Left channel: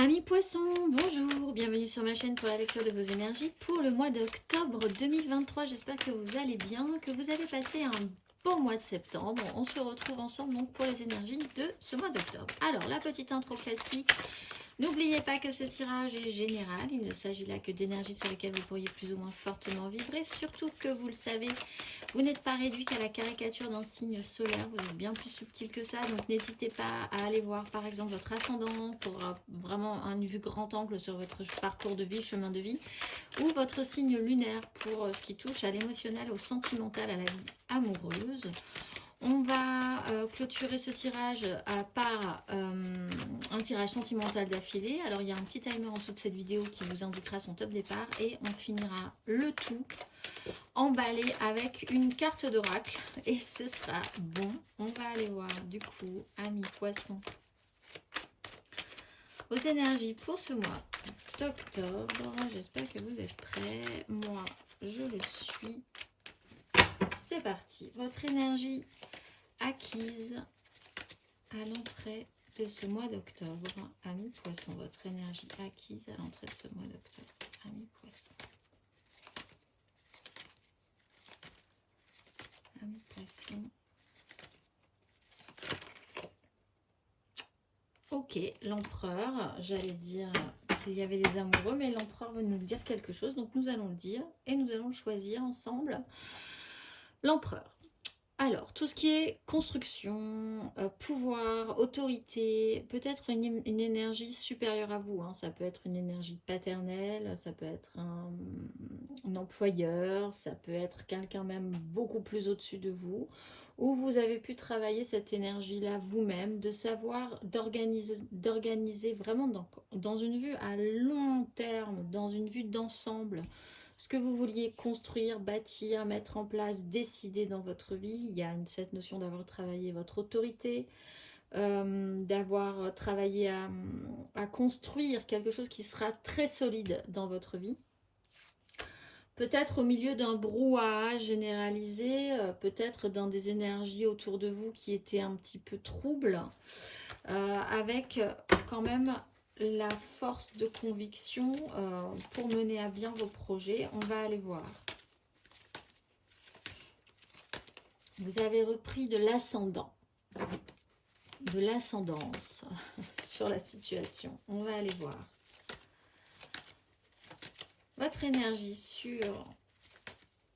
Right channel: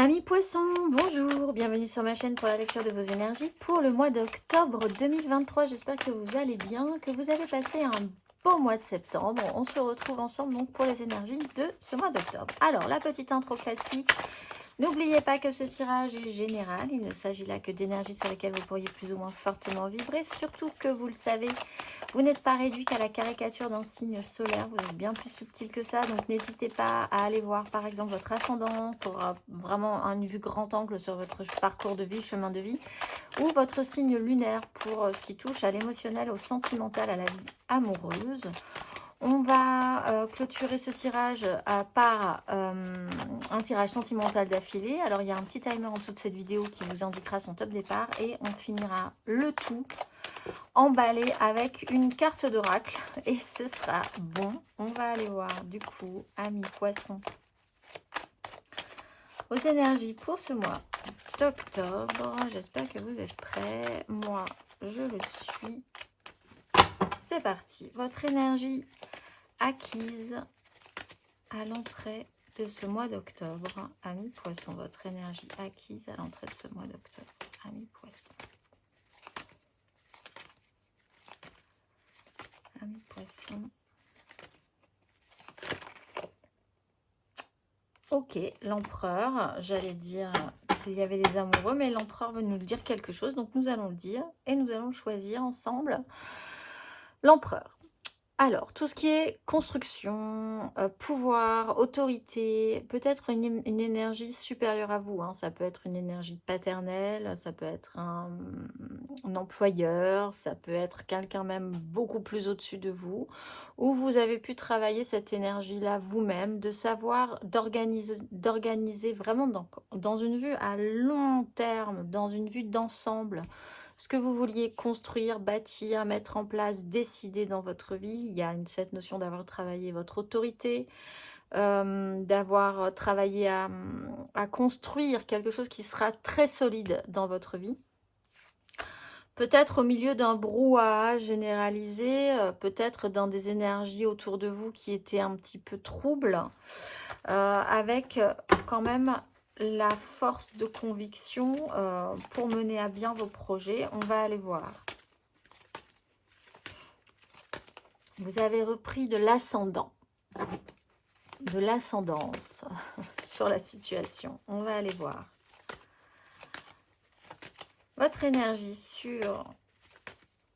Amis poissons, bonjour, bienvenue sur ma chaîne pour la lecture de vos énergies pour le mois d'octobre 2023. J'espère que vous allez bien, que vous avez passé un beau mois de septembre. On se retrouve ensemble donc pour les énergies de ce mois d'octobre. Alors, la petite intro classique. N'oubliez pas que ce tirage est général, il ne s'agit là que d'énergies sur lesquelles vous pourriez plus ou moins fortement vibrer, surtout que vous le savez, vous n'êtes pas réduit qu'à la caricature d'un signe solaire, vous êtes bien plus subtil que ça, donc n'hésitez pas à aller voir par exemple votre ascendant pour vraiment une vue grand angle sur votre parcours de vie, chemin de vie, ou votre signe lunaire pour ce qui touche à l'émotionnel, au sentimental, à la vie amoureuse. On va clôturer ce tirage par un tirage sentimental d'affilée. Alors, il y a un petit timer en dessous de cette vidéo qui vous indiquera son top départ. Et on finira le tout emballé avec une carte d'oracle. Et ce sera bon. On va aller voir du coup, amis poissons, aux énergies pour ce mois d'octobre. J'espère que vous êtes prêts. Moi, je le suis. C'est parti. Votre énergie acquise à l'entrée de ce mois d'octobre. Amis poissons, votre énergie acquise à l'entrée de ce mois d'octobre. Amis poissons. Amis poissons. Ok, l'empereur, j'allais dire qu'il y avait les amoureux, mais l'empereur veut nous dire quelque chose, donc nous allons le dire et nous allons choisir ensemble l'empereur. Alors, tout ce qui est construction, pouvoir, autorité, peut-être une énergie supérieure à vous. Hein. Ça peut être une énergie paternelle, ça peut être un employeur, ça peut être quelqu'un même beaucoup plus au-dessus de vous, où vous avez pu travailler cette énergie-là vous-même, de savoir d'organiser vraiment dans une vue à long terme, dans une vue d'ensemble, ce que vous vouliez construire, bâtir, mettre en place, décider dans votre vie. Il y a cette notion d'avoir travaillé votre autorité, d'avoir travaillé à construire quelque chose qui sera très solide dans votre vie. Peut-être au milieu d'un brouhaha généralisé, peut-être dans des énergies autour de vous qui étaient un petit peu troubles, avec quand même la force de conviction pour mener à bien vos projets. On va aller voir. Vous avez repris de l'ascendant, de l'ascendance sur la situation. On va aller voir. Votre énergie sur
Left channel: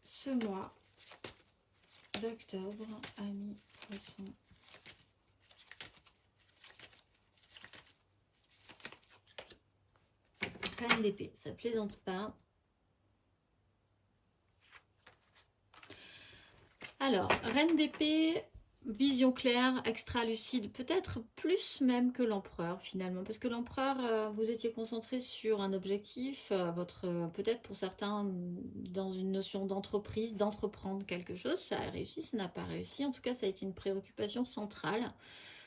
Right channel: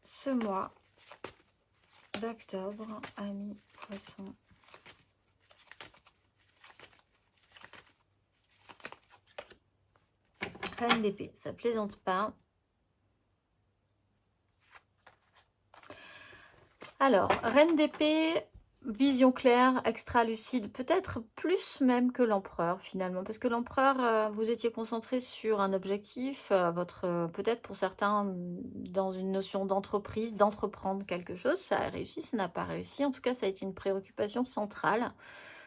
ce mois d'octobre, amis poissons. Reine d'épée, ça plaisante pas. Alors, Reine d'épée, vision claire, extra lucide, peut-être plus même que l'empereur finalement, parce que l'empereur, vous étiez concentré sur un objectif, peut-être pour certains dans une notion d'entreprise, d'entreprendre quelque chose, ça a réussi, ça n'a pas réussi, en tout cas ça a été une préoccupation centrale.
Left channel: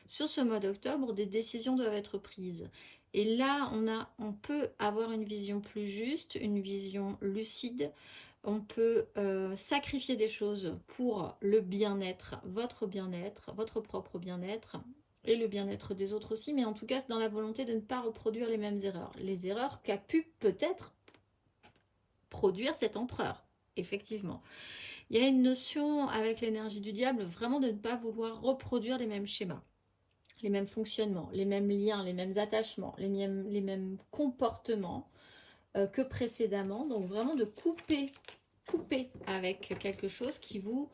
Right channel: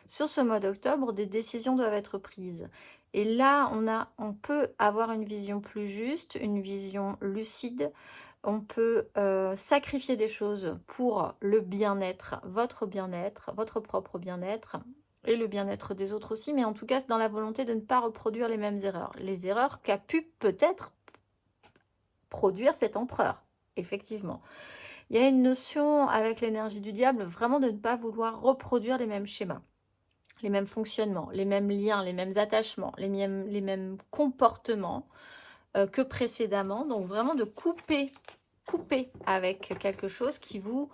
Sur ce mois d'octobre, des décisions doivent être prises. Et là, on peut avoir une vision plus juste, une vision lucide. On peut sacrifier des choses pour le bien-être, votre propre bien-être et le bien-être des autres aussi, mais en tout cas, dans la volonté de ne pas reproduire les mêmes erreurs. Les erreurs qu'a pu peut-être produire cet empereur, effectivement. Il y a une notion avec l'énergie du diable, vraiment de ne pas vouloir reproduire les mêmes schémas, les mêmes fonctionnements, les mêmes liens, les mêmes attachements, les mêmes comportements que précédemment. Donc vraiment de couper avec quelque chose qui vous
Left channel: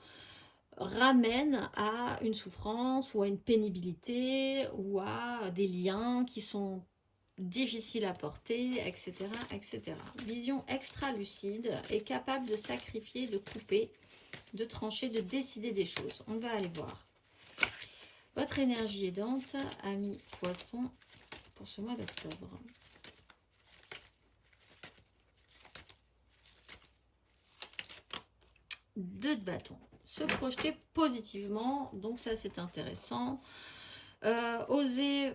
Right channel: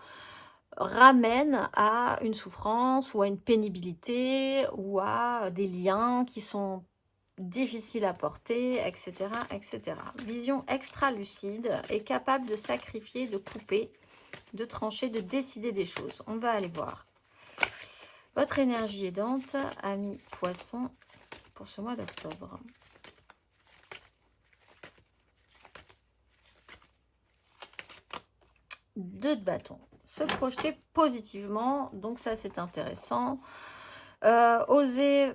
ramène à une souffrance ou à une pénibilité ou à des liens qui sont difficiles à porter, etc., etc. Vision extra lucide et capable de sacrifier, de couper, de trancher, de décider des choses. On va aller voir. Votre énergie aidante, amis poissons, pour ce mois d'octobre. Deux de bâton. Se projeter positivement, donc ça c'est intéressant. Oser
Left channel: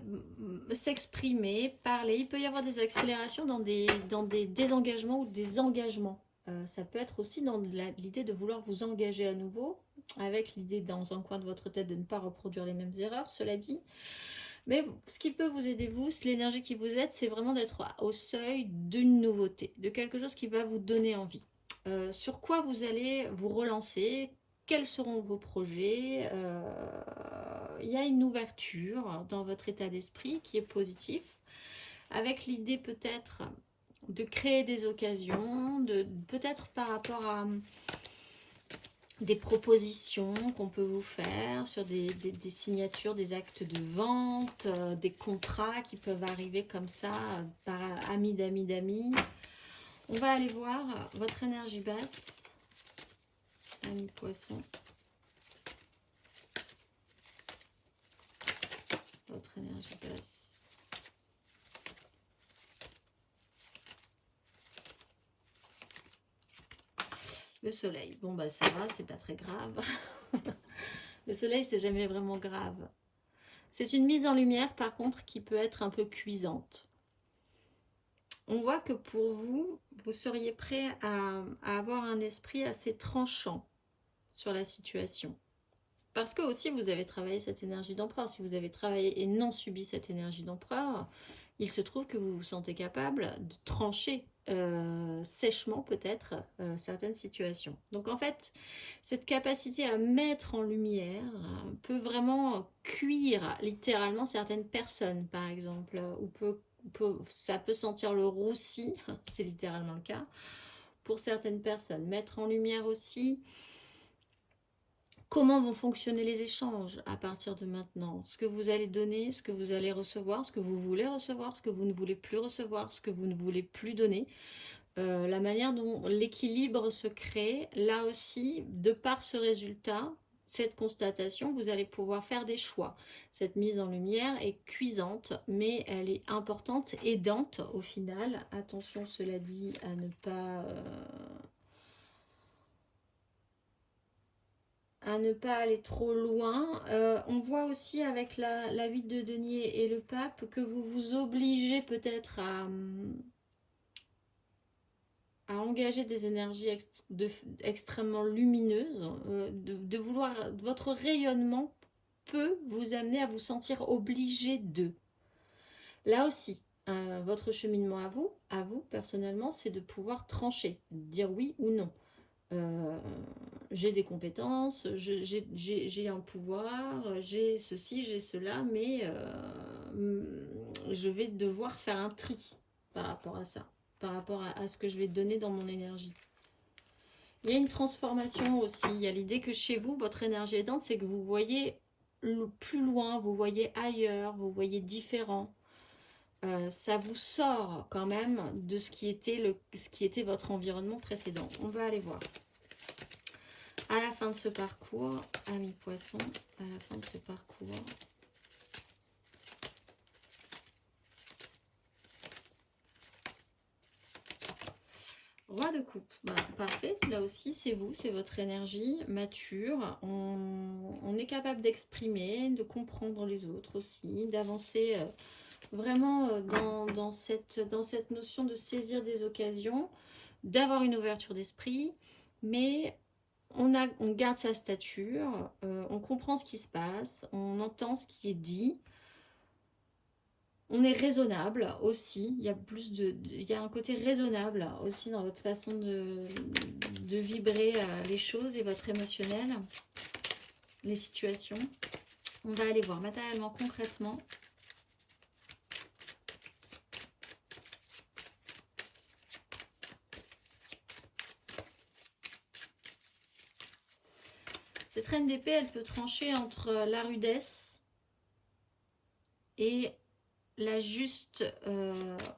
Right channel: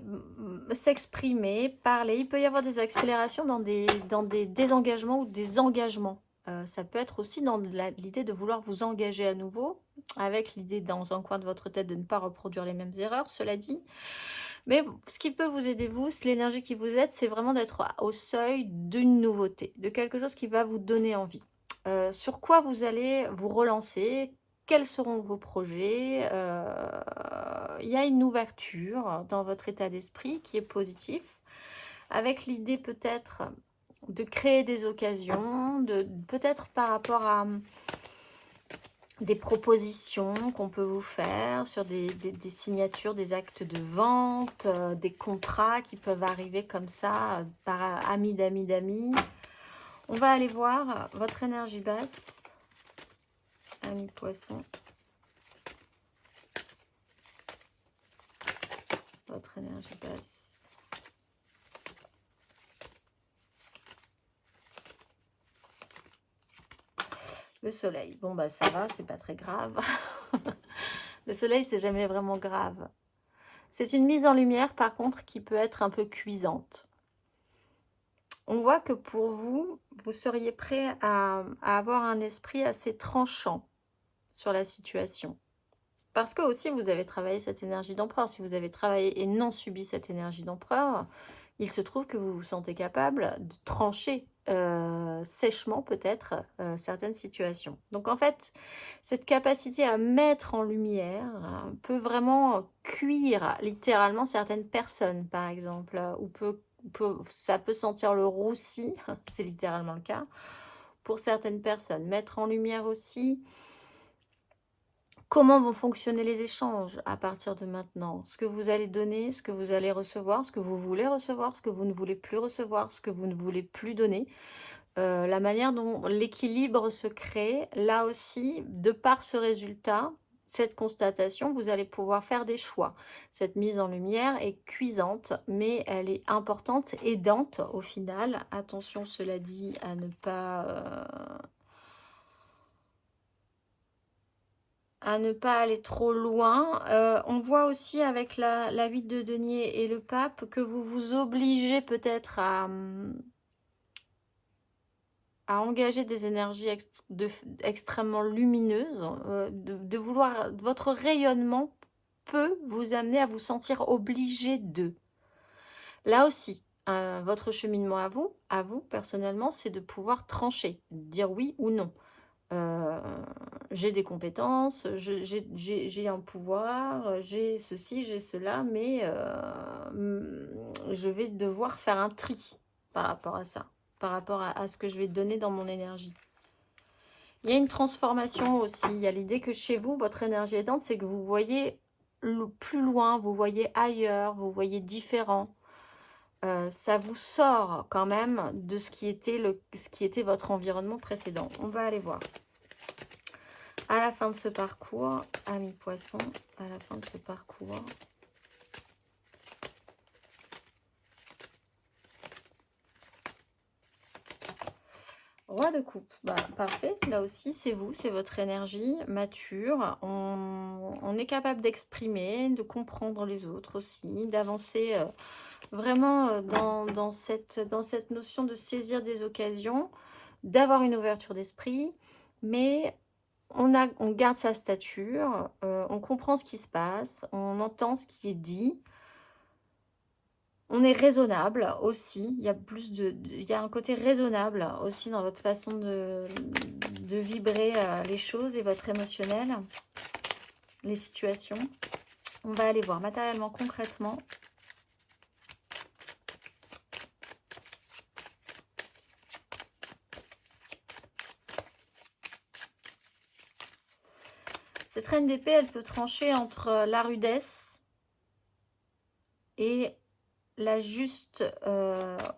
s'exprimer, parler. Il peut y avoir des accélérations dans des désengagements ou des engagements. Ça peut être aussi dans l'idée de vouloir vous engager à nouveau, avec l'idée dans un coin de votre tête de ne pas reproduire les mêmes erreurs, cela dit. Mais ce qui peut vous aider, vous, l'énergie qui vous aide, c'est vraiment d'être au seuil d'une nouveauté, de quelque chose qui va vous donner envie. Sur quoi vous allez vous relancer? Quels seront vos projets? Il y a une ouverture dans votre état d'esprit qui est positif, avec l'idée peut-être de créer des occasions, peut-être par rapport à des propositions qu'on peut vous faire sur des signatures, des actes de vente, des contrats qui peuvent arriver comme ça par amis d'amis d'amis. On va aller voir votre énergie basse, ami poisson. Votre énergie basse. Le soleil, bon bah ça va, c'est pas très grave. Le soleil, c'est jamais vraiment grave. C'est une mise en lumière, par contre, qui peut être un peu cuisante. On voit que pour vous, vous seriez prêt à avoir un esprit assez tranchant sur la situation. Parce que aussi, vous avez travaillé cette énergie d'empereur. Si vous avez travaillé et non subi cette énergie d'empereur, il se trouve que vous vous sentez capable de trancher sèchement peut-être certaines situations. Donc en fait, cette capacité à mettre en lumière peut vraiment cuire littéralement certaines personnes, par exemple, ou ça peut sentir le roussi, c'est littéralement le cas, pour certaines personnes. Mettre en lumière aussi comment vont fonctionner les échanges à partir de maintenant? Ce que vous allez donner, ce que vous allez recevoir, ce que vous voulez recevoir, ce que vous ne voulez plus recevoir, ce que vous ne voulez plus donner. La manière dont l'équilibre se crée, là aussi, de par ce résultat, cette constatation, vous allez pouvoir faire des choix. Cette mise en lumière est cuisante, mais elle est importante, aidante au final. Attention, cela dit, à ne pas aller trop loin. On voit aussi avec la 8 de denier et le pape que vous vous obligez peut-être à engager des énergies extrêmement lumineuses, de vouloir, votre rayonnement peut vous amener à vous sentir obligé de. Là aussi, votre cheminement à vous personnellement, c'est de pouvoir trancher, dire oui ou non. J'ai des compétences, j'ai un pouvoir, j'ai ceci, j'ai cela, mais je vais devoir faire un tri par rapport à ça, par rapport à ce que je vais donner dans mon énergie. Il y a une transformation aussi, il y a l'idée que chez vous, votre énergie aidante, c'est que vous voyez plus loin, vous voyez ailleurs, vous voyez différent. Ça vous sort quand même de ce qui était votre environnement précédent. On va aller voir. À la fin de ce parcours, amis poissons, à la fin de ce parcours, roi de coupe, bah, parfait, là aussi c'est vous, c'est votre énergie mature, on est capable d'exprimer, de comprendre les autres aussi, d'avancer vraiment dans cette notion de saisir des occasions, d'avoir une ouverture d'esprit, mais on garde sa stature, on comprend ce qui se passe, on entend ce qui est dit, on est raisonnable aussi, il y a il y a un côté raisonnable aussi dans votre façon de vibrer les choses et votre émotionnel, les situations. On va aller voir matériellement, concrètement. Cette reine d'épée, elle peut trancher entre la rudesse et la juste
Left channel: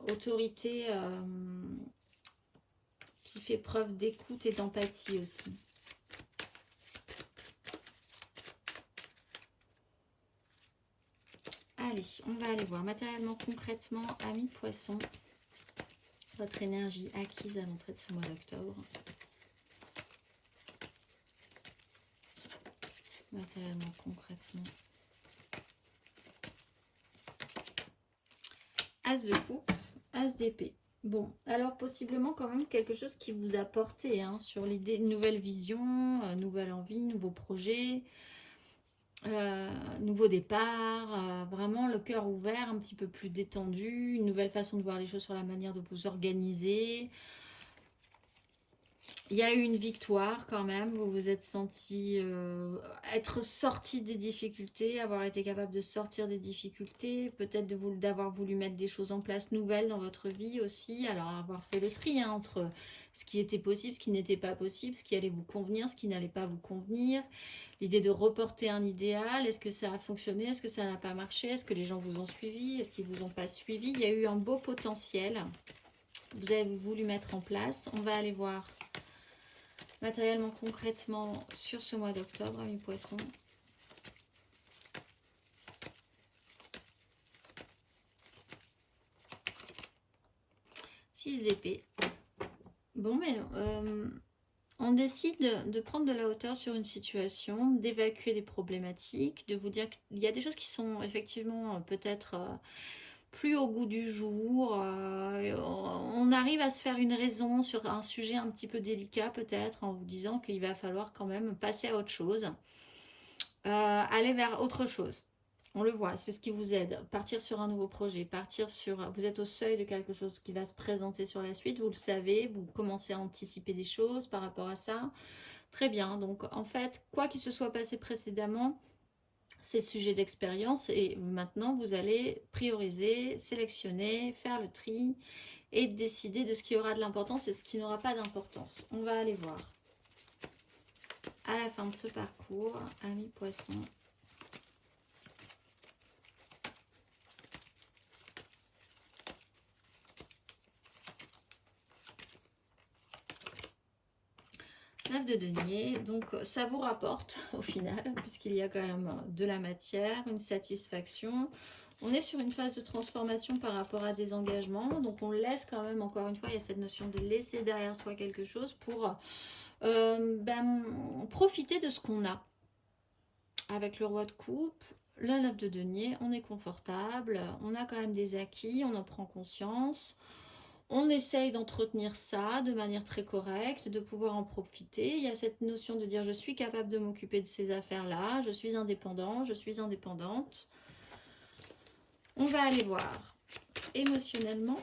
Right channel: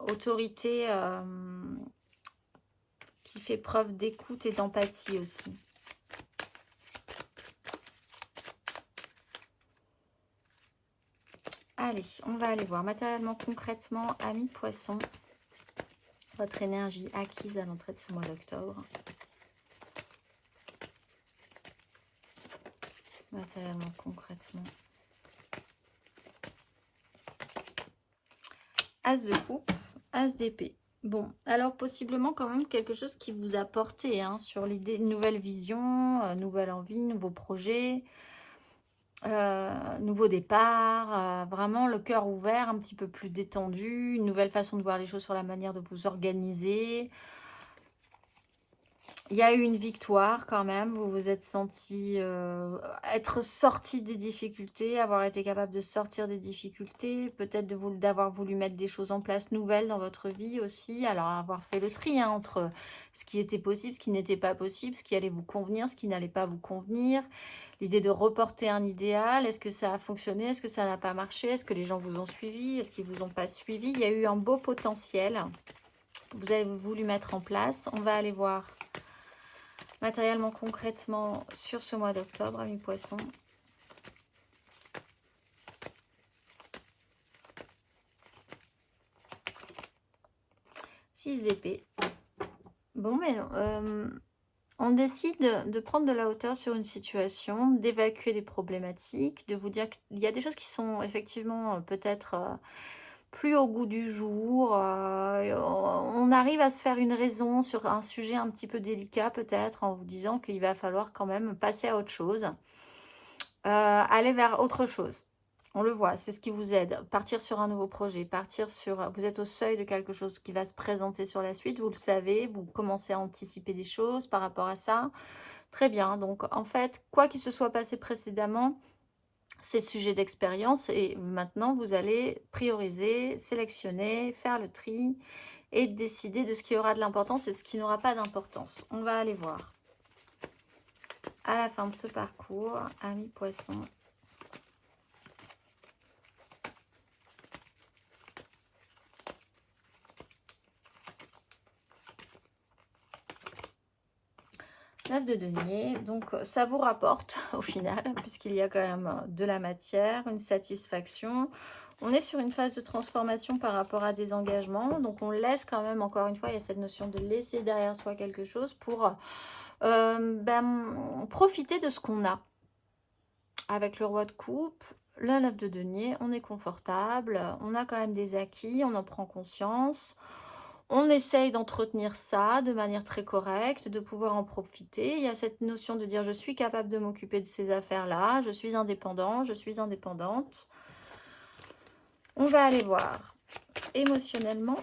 autorité qui fait preuve d'écoute et d'empathie aussi. Allez, on va aller voir matériellement, concrètement, amis poissons, votre énergie acquise à l'entrée de ce mois d'octobre. Matériellement, concrètement. As de coupe, as d'épée. Bon, alors possiblement quand même quelque chose qui vous a porté sur l'idée, une nouvelle vision, nouvelle envie, nouveaux projets. Nouveau départ, vraiment le cœur ouvert, un petit peu plus détendu, une nouvelle façon de voir les choses sur la manière de vous organiser. Il y a eu une victoire quand même, vous vous êtes senti être sorti des difficultés, avoir été capable de sortir des difficultés, peut-être d'avoir voulu mettre des choses en place nouvelles dans votre vie aussi, alors avoir fait le tri hein, entre ce qui était possible, ce qui n'était pas possible, ce qui allait vous convenir, ce qui n'allait pas vous convenir, l'idée de reporter un idéal, est-ce que ça a fonctionné, est-ce que ça n'a pas marché, est-ce que les gens vous ont suivi, est-ce qu'ils vous ont pas suivi, il y a eu un beau potentiel, vous avez voulu mettre en place, on va aller voir matériellement, concrètement, sur ce mois d'octobre, amis poissons. Six d'épée. Bon, mais on décide de prendre de la hauteur sur une situation, d'évacuer les problématiques, de vous dire qu'il y a des choses qui sont effectivement peut-être plus au goût du jour. On arrive à se faire une raison sur un sujet un petit peu délicat peut-être en vous disant qu'il va falloir quand même passer à autre chose. Aller vers autre chose. On le voit, c'est ce qui vous aide. Partir sur un nouveau projet, partir sur... Vous êtes au seuil de quelque chose qui va se présenter sur la suite, vous le savez, vous commencez à anticiper des choses par rapport à ça. Très bien, donc en fait, quoi qu'il se soit passé précédemment, c'est sujet d'expérience et maintenant vous allez prioriser, sélectionner, faire le tri et décider de ce qui aura de l'importance et ce qui n'aura pas d'importance. On va aller voir. À la fin de ce parcours, amis poissons, neuf de denier, donc ça vous rapporte au final, puisqu'il y a quand même de la matière, une satisfaction. On est sur une phase de transformation par rapport à des engagements, donc on laisse quand même, encore une fois, il y a cette notion de laisser derrière soi quelque chose pour profiter de ce qu'on a. Avec le roi de coupe, le 9 de denier, on est confortable, on a quand même des acquis, on en prend conscience. On essaye d'entretenir ça de manière très correcte, de pouvoir en profiter. Il y a cette notion de dire je suis capable de m'occuper de ces affaires-là, je suis indépendant, je suis indépendante. On va aller voir émotionnellement.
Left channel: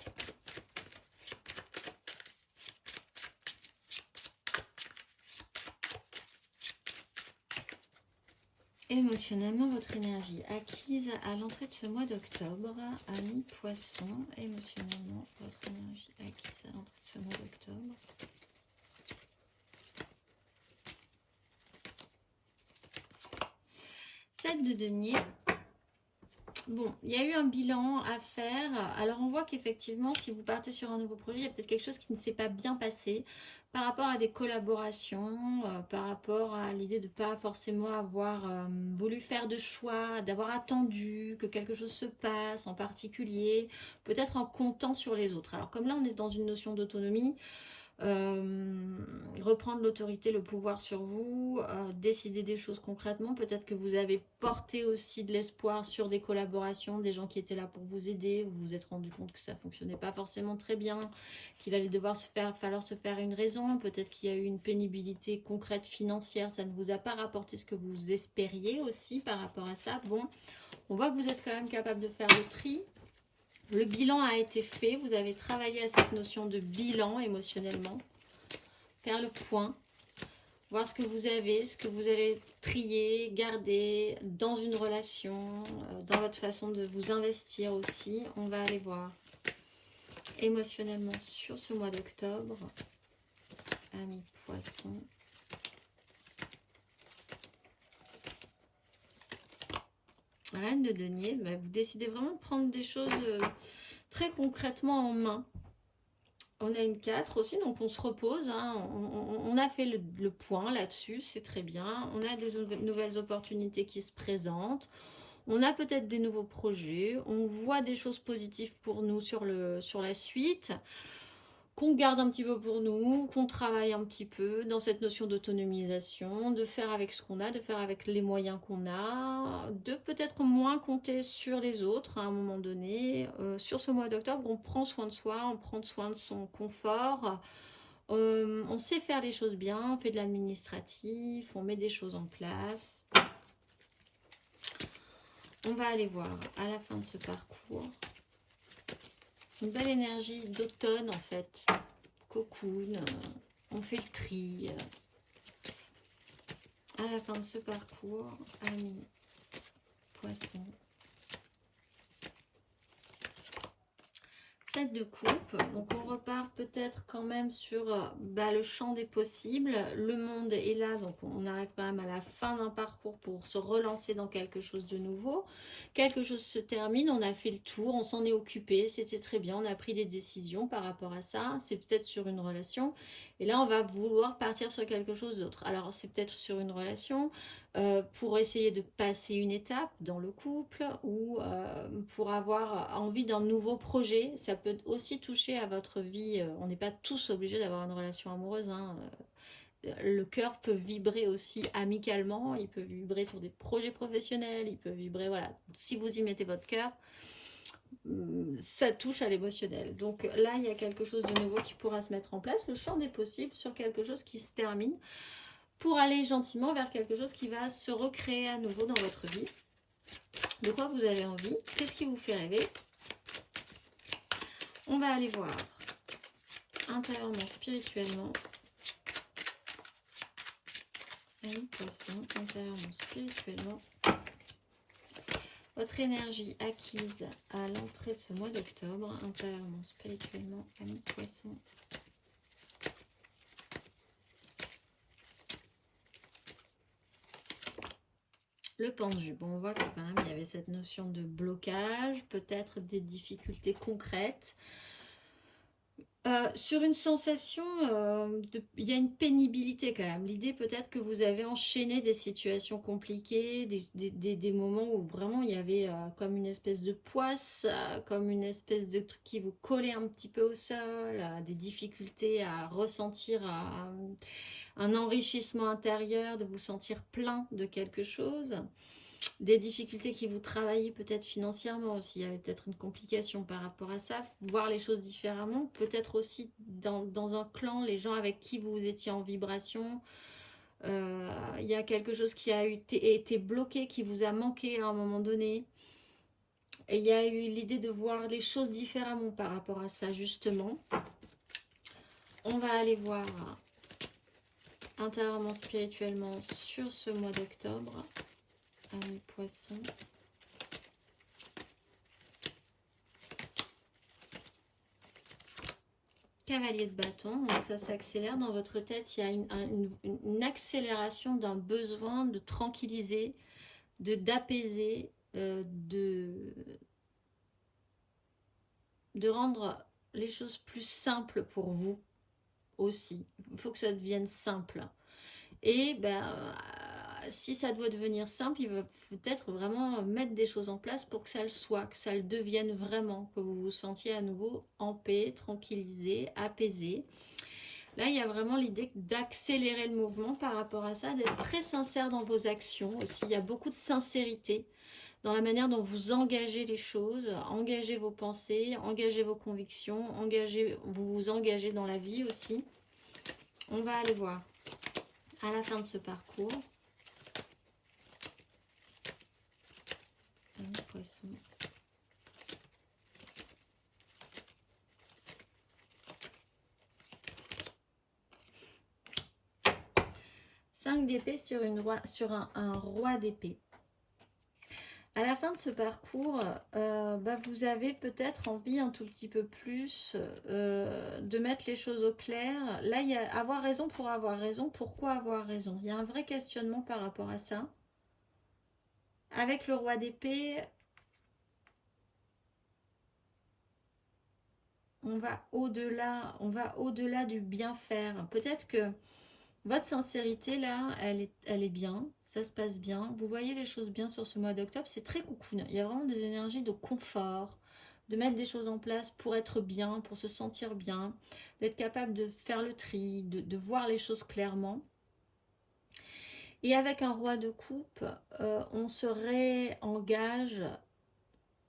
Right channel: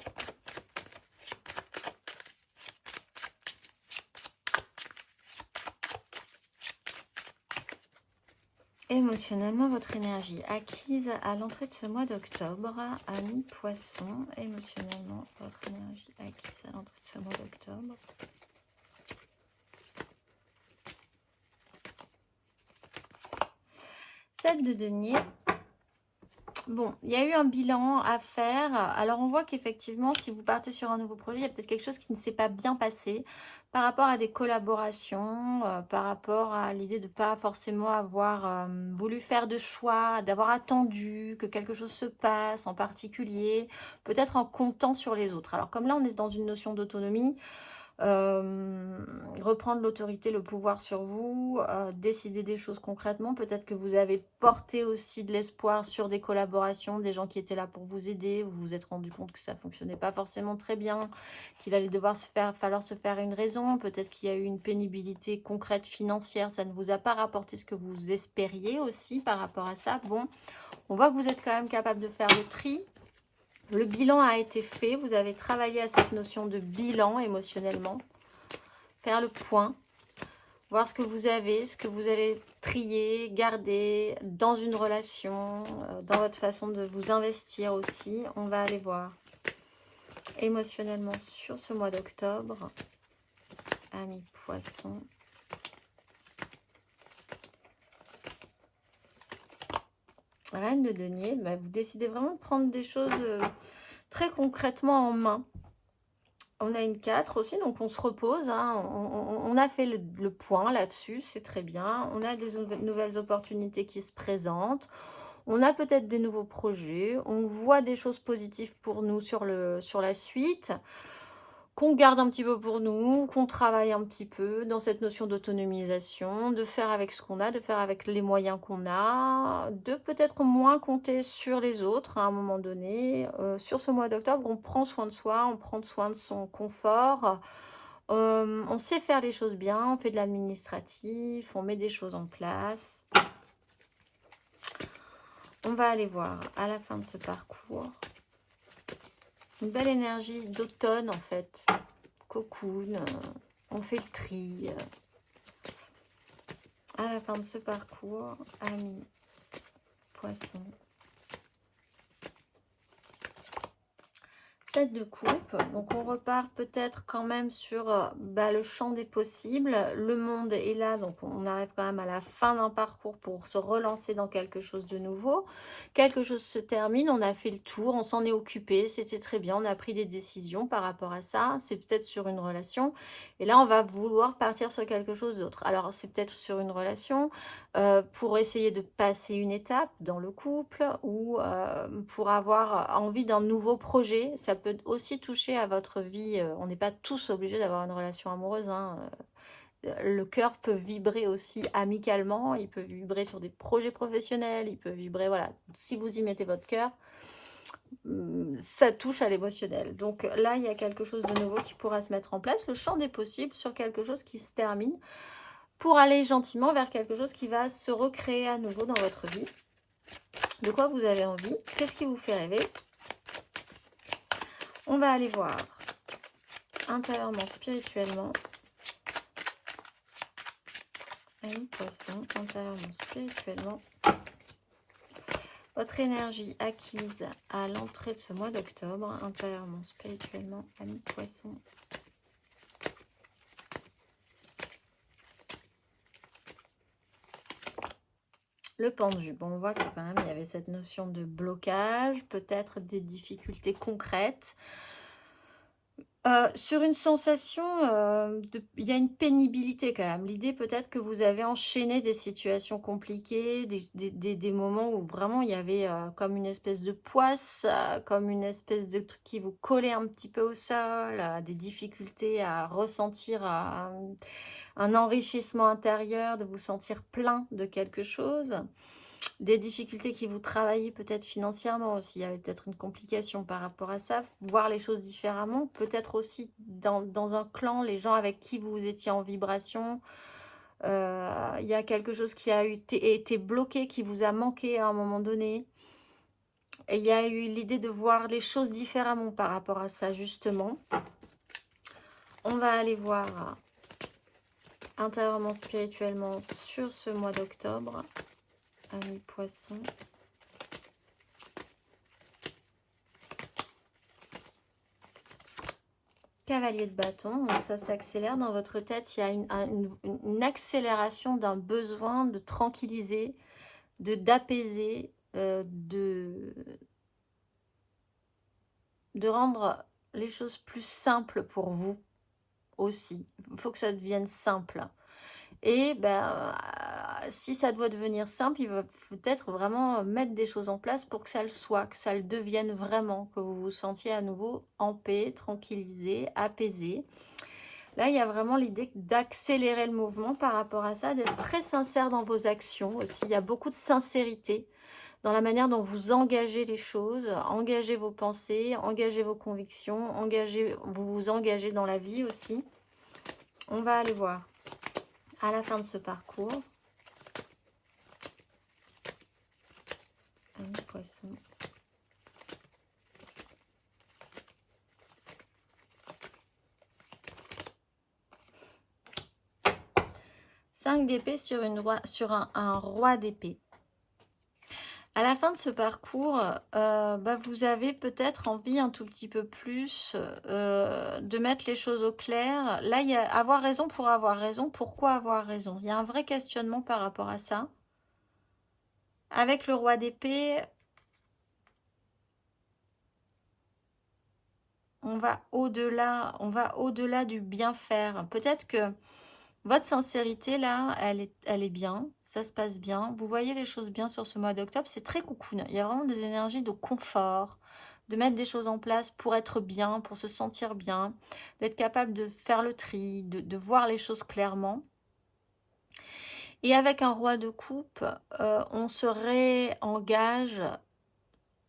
Émotionnellement, votre énergie acquise à l'entrée de ce mois d'octobre, amis poissons, émotionnellement, votre énergie acquise à l'entrée de ce mois d'octobre. Sept de denier. Bon, il y a eu un bilan à faire. Alors, on voit qu'effectivement, si vous partez sur un nouveau projet, il y a peut-être quelque chose qui ne s'est pas bien passé par rapport à des collaborations, par rapport à l'idée de ne pas forcément avoir voulu faire de choix, d'avoir attendu que quelque chose se passe en particulier, peut-être en comptant sur les autres. Alors, comme là, on est dans une notion d'autonomie, reprendre l'autorité, le pouvoir sur vous, décider des choses concrètement. Peut-être que vous avez porté aussi de l'espoir sur des collaborations, des gens qui étaient là pour vous aider. Vous vous êtes rendu compte que ça ne fonctionnait pas forcément très bien, qu'il allait falloir se faire une raison. Peut-être qu'il y a eu une pénibilité concrète financière. Ça ne vous a pas rapporté ce que vous espériez aussi par rapport à ça. Bon, on voit que vous êtes quand même capable de faire le tri. Le bilan a été fait, vous avez travaillé à cette notion de bilan émotionnellement, faire le point, voir ce que vous avez, ce que vous allez trier, garder dans une relation, dans votre façon de vous investir aussi. On va aller voir émotionnellement sur ce mois d'octobre, amis poissons. Reine de denier, bah, vous décidez vraiment de prendre des choses très concrètement en main. On a une 4 aussi, donc on se repose. Hein. On a fait le point là-dessus, c'est très bien. On a des nouvelles opportunités qui se présentent. On a peut-être des nouveaux projets. On voit des choses positives pour nous sur la suite. Qu'on garde un petit peu pour nous, qu'on travaille un petit peu dans cette notion d'autonomisation, de faire avec ce qu'on a, de faire avec les moyens qu'on a, de peut-être moins compter sur les autres à un moment donné. Sur ce mois d'octobre, on prend soin de soi, on prend soin de son confort, on sait faire les choses bien, on fait de l'administratif, on met des choses en place. On va aller voir à la fin de ce parcours une belle énergie d'automne en fait. Cocoon, on fait le tri. À la fin de ce parcours, amis, poissons. 7 de coupe, donc on repart peut-être quand même sur le champ des possibles. Le monde est là, donc on arrive quand même à la fin d'un parcours pour se relancer dans quelque chose de nouveau. Quelque chose se termine, on a fait le tour, on s'en est occupé, c'était très bien, on a pris des décisions par rapport à ça. C'est peut-être sur une relation. Et là, on va vouloir partir sur quelque chose d'autre. Alors, c'est peut-être sur une relation, pour essayer de passer une étape dans le couple ou pour avoir envie d'un nouveau projet. Ça peut aussi toucher à votre vie. On n'est pas tous obligés d'avoir une relation amoureuse, hein. Le cœur peut vibrer aussi amicalement, il peut vibrer sur des projets professionnels, il peut vibrer, voilà. Si vous y mettez votre cœur, ça touche à l'émotionnel. Donc là, il y a quelque chose de nouveau qui pourra se mettre en place. Le champ des possibles sur quelque chose qui se termine, pour aller gentiment vers quelque chose qui va se recréer à nouveau dans votre vie. De quoi vous avez envie? Qu'est-ce qui vous fait rêver? On va aller voir intérieurement, spirituellement. Amis poissons, intérieurement, spirituellement. Votre énergie acquise à l'entrée de ce mois d'octobre, intérieurement, spirituellement, amis poissons. Le pendu, bon, on voit que quand même il y avait cette notion de blocage, peut-être des difficultés concrètes. Sur une sensation, il y a une pénibilité quand même. L'idée peut-être que vous avez enchaîné des situations compliquées, des moments où vraiment il y avait comme une espèce de poisse, comme une espèce de truc qui vous collait un petit peu au sol, des difficultés à ressentir un enrichissement intérieur, de vous sentir plein de quelque chose. Des difficultés qui vous travaillez peut-être financièrement aussi. Il y avait peut-être une complication par rapport à ça. Voir les choses différemment. Peut-être aussi dans un clan, les gens avec qui vous étiez en vibration. Il y a quelque chose qui a été bloqué, qui vous a manqué à un moment donné. Et il y a eu l'idée de voir les choses différemment par rapport à ça, justement. On va aller voir intérieurement, spirituellement sur ce mois d'octobre. Amis poissons. Cavalier de bâton, donc ça s'accélère dans votre tête. Il y a une accélération d'un besoin de tranquilliser, d'apaiser, de rendre les choses plus simples pour vous aussi. Il faut que ça devienne simple. Et si ça doit devenir simple, il va peut-être vraiment mettre des choses en place pour que ça le soit, que ça le devienne vraiment, que vous vous sentiez à nouveau en paix, tranquillisé, apaisé. Là, il y a vraiment l'idée d'accélérer le mouvement par rapport à ça, d'être très sincère dans vos actions aussi. Il y a beaucoup de sincérité dans la manière dont vous engagez les choses, engagez vos pensées, engagez vos convictions, vous vous engagez dans la vie aussi. On va aller voir à la fin de ce parcours. Un poisson. Cinq d'épée sur un roi d'épée. À la fin de ce parcours, vous avez peut-être envie un tout petit peu plus de mettre les choses au clair. Là, il y a avoir raison pour avoir raison. Pourquoi avoir raison? Il y a un vrai questionnement par rapport à ça. Avec le roi d'épée, on va au-delà du bien faire. Peut-être que votre sincérité, là, elle est bien, ça se passe bien. Vous voyez les choses bien sur ce mois d'octobre, c'est très cocoon. Il y a vraiment des énergies de confort, de mettre des choses en place pour être bien, pour se sentir bien, d'être capable de faire le tri, de voir les choses clairement. Et avec un roi de coupe, on se réengage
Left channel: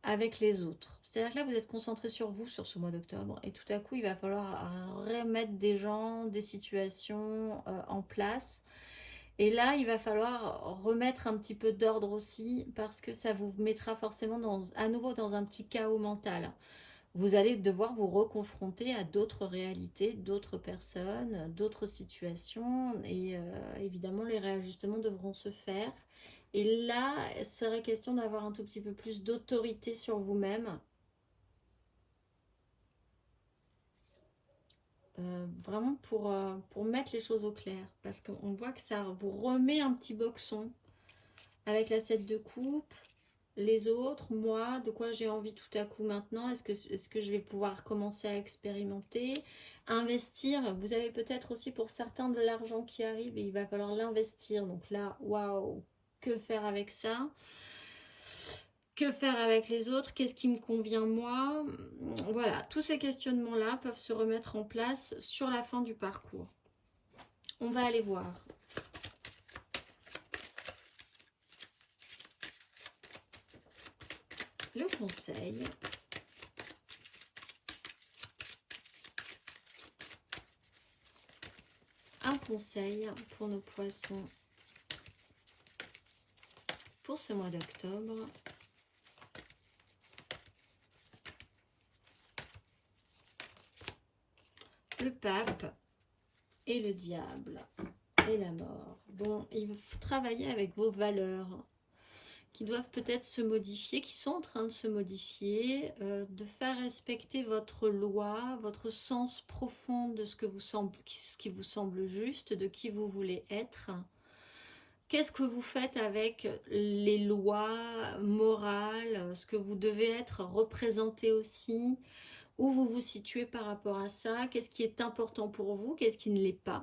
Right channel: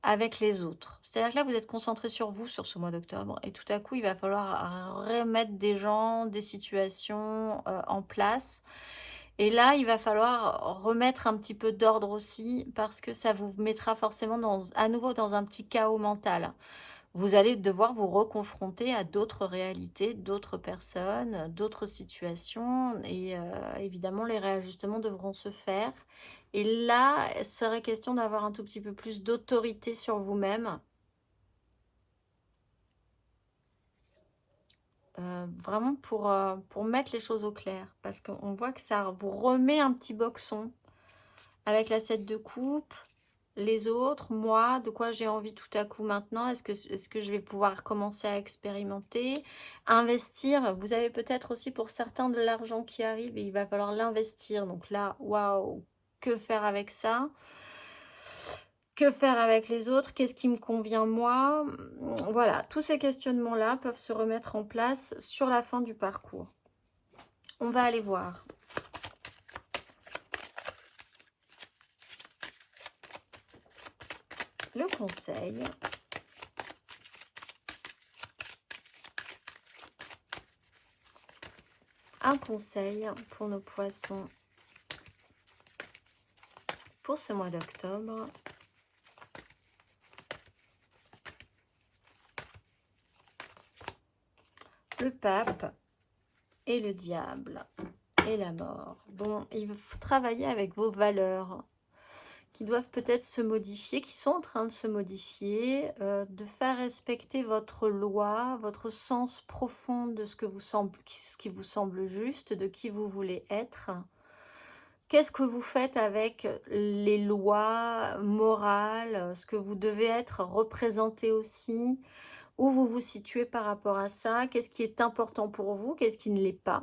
avec les autres. C'est-à-dire que là, vous êtes concentré sur vous sur ce mois d'octobre et tout à coup, il va falloir remettre des gens, des situations en place. Et là, il va falloir remettre un petit peu d'ordre aussi, parce que ça vous mettra forcément à nouveau dans un petit chaos mental. Vous allez devoir vous reconfronter à d'autres réalités, d'autres personnes, d'autres situations. Et évidemment, les réajustements devront se faire. Et là, il serait question d'avoir un tout petit peu plus d'autorité sur vous-même. Vraiment pour mettre les choses au clair. Parce qu'on voit que ça vous remet un petit boxon avec la 7 de coupe. Les autres, moi, de quoi j'ai envie tout à coup maintenant? Est-ce que je vais pouvoir commencer à expérimenter, investir? Vous avez peut-être aussi pour certains de l'argent qui arrive et il va falloir l'investir. Donc là, waouh, que faire avec ça? Que faire avec les autres? Qu'est-ce qui me convient moi? Voilà, tous ces questionnements-là peuvent se remettre en place sur la fin du parcours. On va aller voir. Le conseil. Un conseil pour nos poissons pour ce mois d'octobre. Le pape et le diable et la mort. Bon, il faut travailler avec vos valeurs qui doivent peut-être se modifier, qui sont en train de se modifier, de faire respecter votre loi, votre sens profond de ce qui vous semble juste, de qui vous voulez être. Qu'est-ce que vous faites avec les lois morales, ce que vous devez être représenté aussi, où vous vous situez par rapport à ça, qu'est-ce qui est important pour vous, qu'est-ce qui ne l'est pas,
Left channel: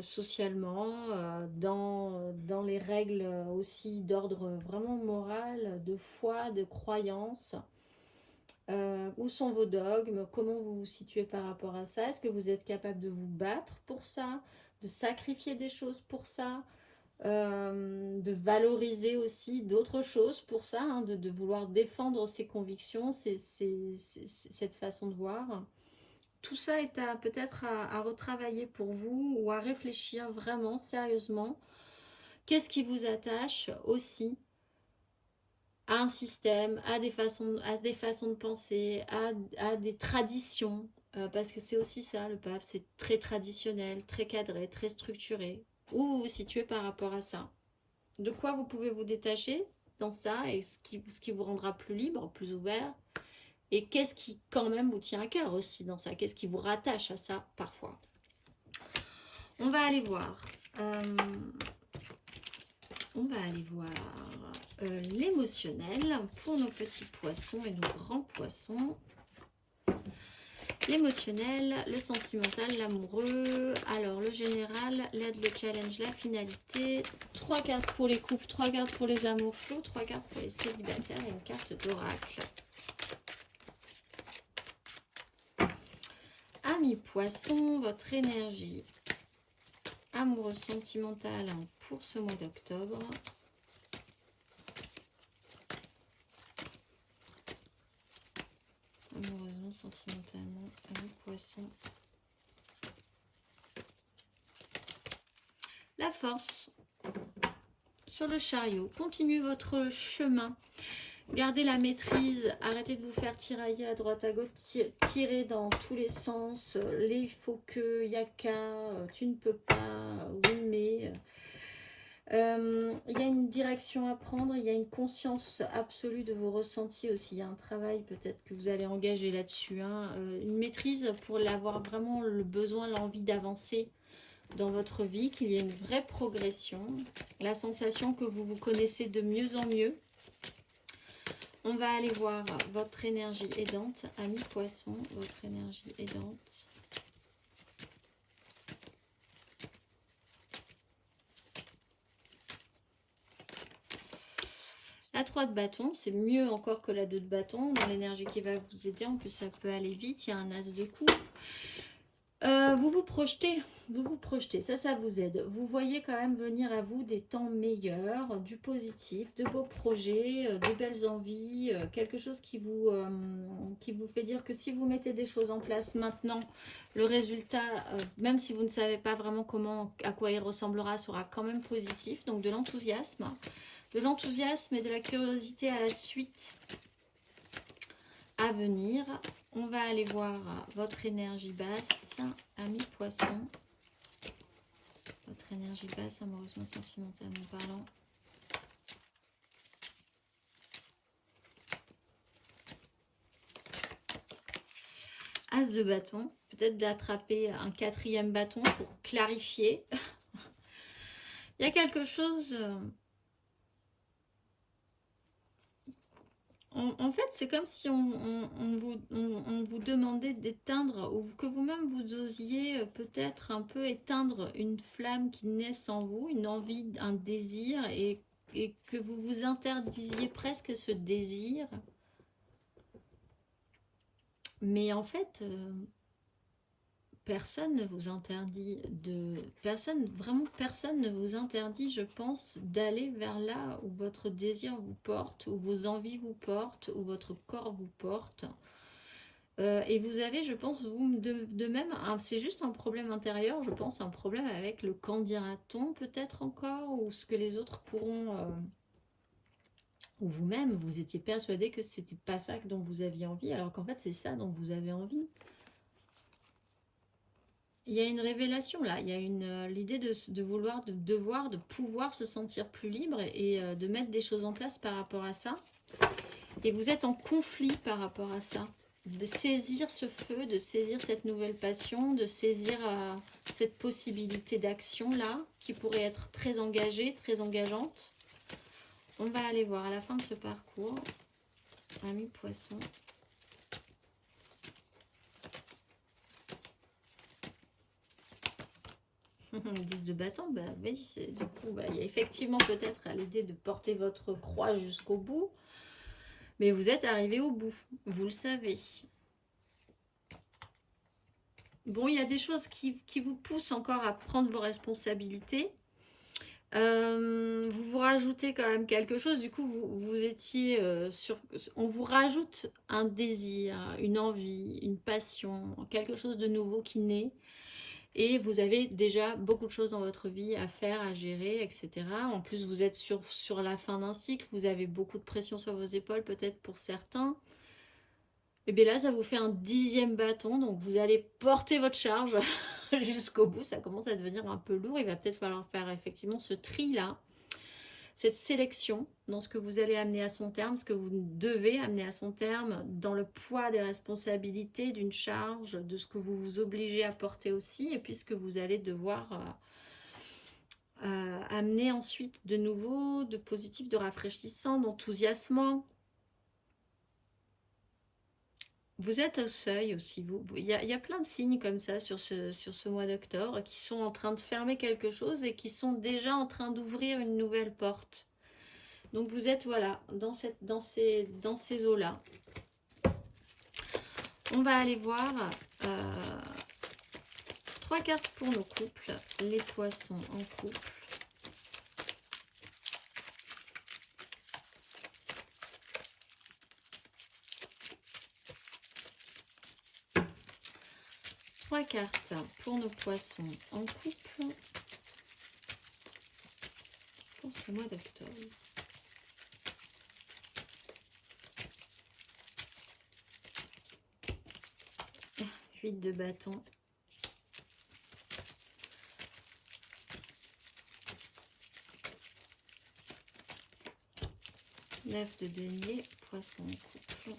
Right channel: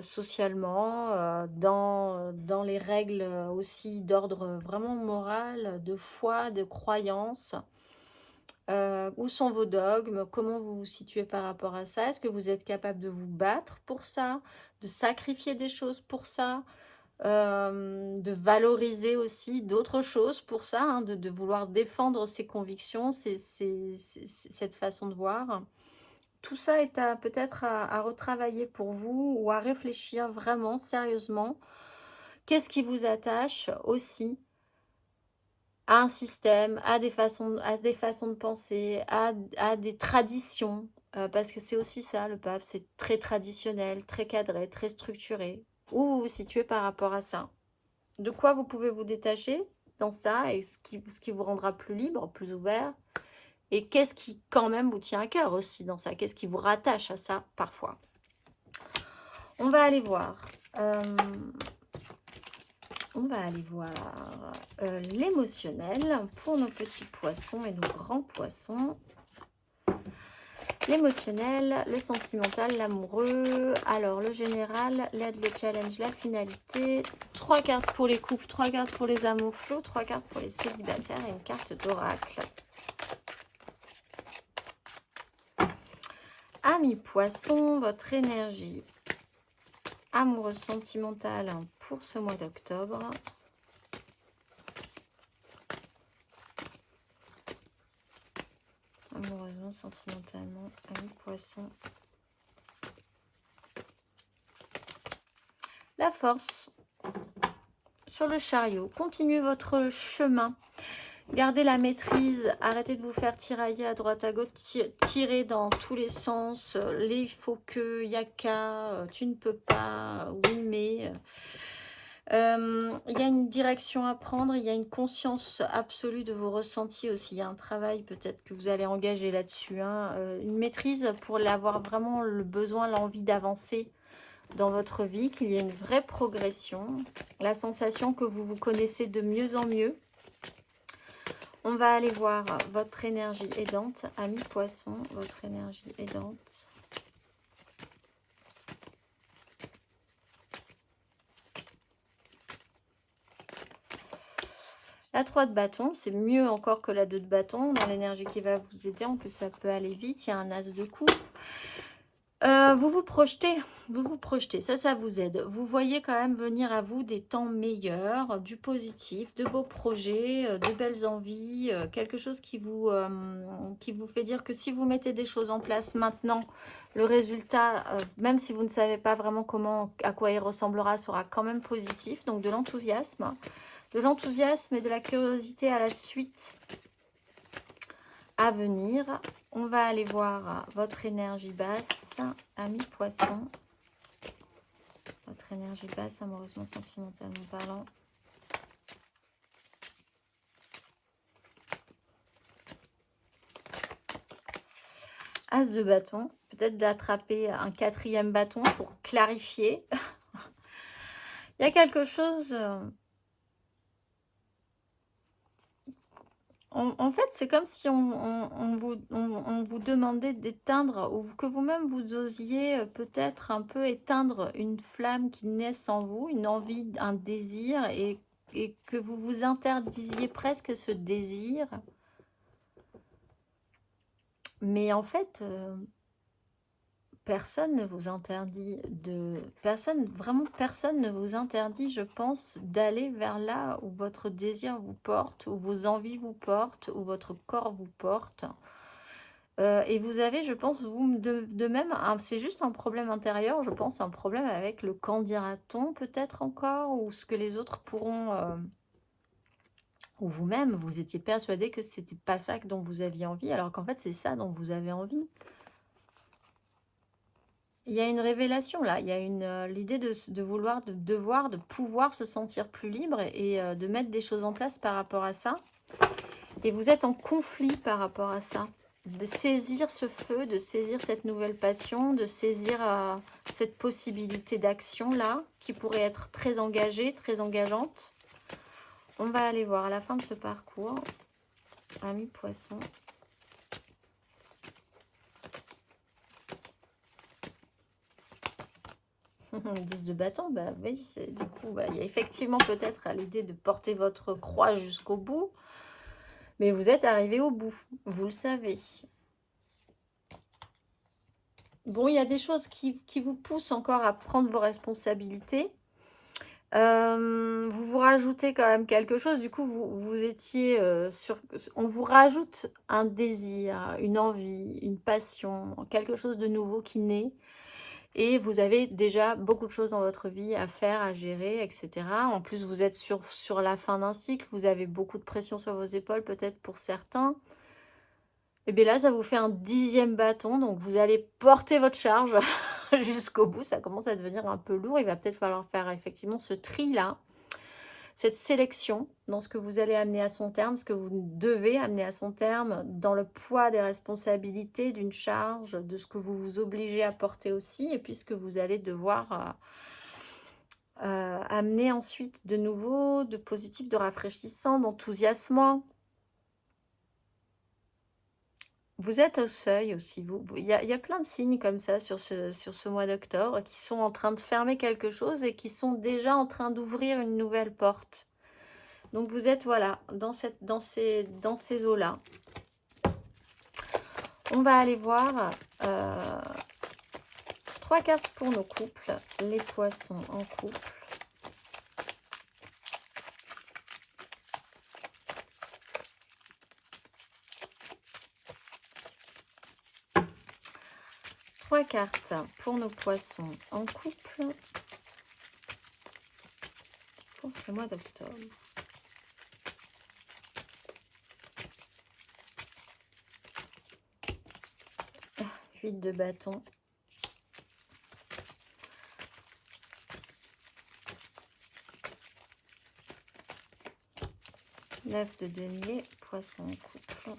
socialement, dans les règles aussi d'ordre vraiment moral, de foi, de croyance. Où sont vos dogmes? Comment vous vous situez par rapport à ça? Est-ce que vous êtes capable de vous battre pour ça, de sacrifier des choses pour ça, de valoriser aussi d'autres choses pour ça, hein, de vouloir défendre ses convictions, cette façon de voir? Tout ça est peut-être à retravailler pour vous ou à réfléchir vraiment sérieusement. Qu'est-ce qui vous attache aussi à un système, à des façons de penser, à des traditions, parce que c'est aussi ça, le pape, c'est très traditionnel, très cadré, très structuré. Où vous vous situez par rapport à ça? De quoi vous pouvez vous détacher dans ça et ce qui vous rendra plus libre, plus ouvert? Et qu'est-ce qui quand même vous tient à cœur aussi dans ça? Qu'est-ce qui vous rattache à ça parfois? On va aller voir. On va aller voir l'émotionnel pour nos petits poissons et nos grands poissons. L'émotionnel, le sentimental, l'amoureux. Alors, le général, l'aide, le challenge, la finalité. 3 cartes pour les couples, 3 cartes pour les amours flots, 3 cartes pour les célibataires et une carte d'oracle. Amis poissons, votre énergie amoureuse sentimentale pour ce mois d'octobre. Amoureusement, sentimentalement, amis poissons. La force sur le chariot. Continuez votre chemin. Gardez la maîtrise, arrêtez de vous faire tirailler à droite à gauche, tirer dans tous les sens, les il faut que, y a qu'à, tu ne peux pas, oui mais... Il y a une direction à prendre, il y a une conscience absolue de vos ressentis aussi, il y a un travail peut-être que vous allez engager là-dessus, hein, une maîtrise pour avoir vraiment le besoin, l'envie d'avancer dans votre vie, qu'il y ait une vraie progression, la sensation que vous vous connaissez de mieux en mieux. On va aller voir votre énergie aidante, amis poissons, votre énergie aidante. La 3 de bâton, c'est mieux encore que la 2 de bâton dans l'énergie qui va vous aider. En plus, ça peut aller vite. Il y a un as de coupe. Vous vous projetez, ça vous aide. Vous voyez quand même venir à vous des temps meilleurs, du positif, de beaux projets, de belles envies, quelque chose qui vous fait dire que si vous mettez des choses en place maintenant, le résultat, même si vous ne savez pas vraiment comment, à quoi il ressemblera, sera quand même positif. Donc de l'enthousiasme et de la curiosité à la suite à venir. On va aller voir votre énergie basse, ami poisson. Votre énergie basse, amoureusement, sentimentalement parlant. As de bâton, peut-être d'attraper un 4e bâton pour clarifier. Il y a quelque chose... En fait, c'est comme si on vous demandait d'éteindre, ou que vous-même vous osiez peut-être un peu éteindre une flamme qui naisse en vous, une envie, un désir, et que vous vous interdisiez presque ce désir. Mais en fait, personne ne vous interdit vraiment personne ne vous interdit, je pense, d'aller vers là où votre désir vous porte, où vos envies vous portent, où votre corps vous porte. Et vous avez, je pense, vous de même, c'est juste un problème intérieur, je pense, un problème avec le qu'en dira-t-on peut-être encore, ou ce que les autres pourront... ou vous-même, vous étiez persuadé que c'était pas ça dont vous aviez envie, alors qu'en fait, c'est ça dont vous avez envie. Il y a une révélation là, il y a l'idée de vouloir, de devoir, de pouvoir se sentir plus libre et de mettre des choses en place par rapport à ça. Et vous êtes en conflit par rapport à ça. De saisir ce feu, de saisir cette nouvelle passion, de saisir cette possibilité d'action là, qui pourrait être très engagée, très engageante. On va aller voir à la fin de ce parcours. Ami poisson. 10 de bâton, bah oui, du coup, bah, il y a effectivement peut-être l'idée de porter votre croix jusqu'au bout, mais vous êtes arrivé au bout, vous le savez. Bon, il y a des choses qui vous poussent encore à prendre vos responsabilités. Vous vous rajoutez quand même quelque chose, du coup, vous étiez on vous rajoute un désir, une envie, une passion, quelque chose de nouveau qui naît. Et vous avez déjà beaucoup de choses dans votre vie à faire, à gérer, etc. En plus, vous êtes sur la fin d'un cycle. Vous avez beaucoup de pression sur vos épaules, peut-être pour certains. Et bien là, ça vous fait un 10e bâton. Donc, vous allez porter votre charge jusqu'au bout. Ça commence à devenir un peu lourd. Il va peut-être falloir faire effectivement ce tri-là. Cette sélection dans ce que vous allez amener à son terme, ce que vous devez amener à son terme, dans le poids des responsabilités, d'une charge, de ce que vous vous obligez à porter aussi, et puis ce que vous allez devoir amener ensuite de nouveau, de positif, de rafraîchissant, d'enthousiasmant. Vous êtes au seuil aussi, il y a plein de signes comme ça sur ce mois d'octobre qui sont en train de fermer quelque chose et qui sont déjà en train d'ouvrir une nouvelle porte. Donc vous êtes, voilà, dans ces eaux-là. On va aller voir 3 cartes pour nos couples. Les poissons en couple. Trois cartes pour nos poissons en couple pour ce mois d'octobre. 8 de bâton. Neuf de denier, poisson en couple.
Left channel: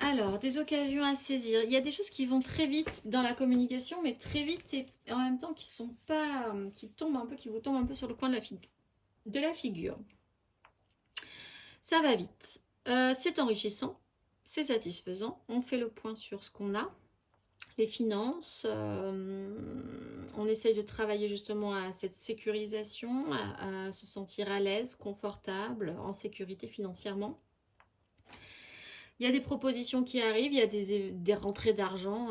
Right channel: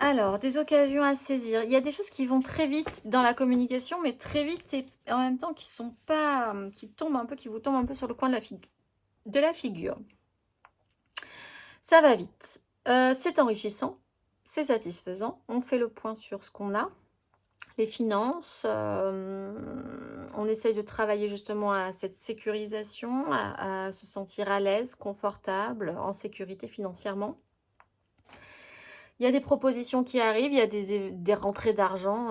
Alors, des occasions à saisir. Il y a des choses qui vont très vite dans la communication, mais très vite et en même temps qui sont pas, qui vous tombent un peu sur le coin de la figure. Ça va vite. C'est enrichissant, c'est satisfaisant. On fait le point sur ce qu'on a. Les finances, on essaye de travailler justement à cette sécurisation, à se sentir à l'aise, confortable, en sécurité financièrement. Il y a des propositions qui arrivent, il y a des rentrées d'argent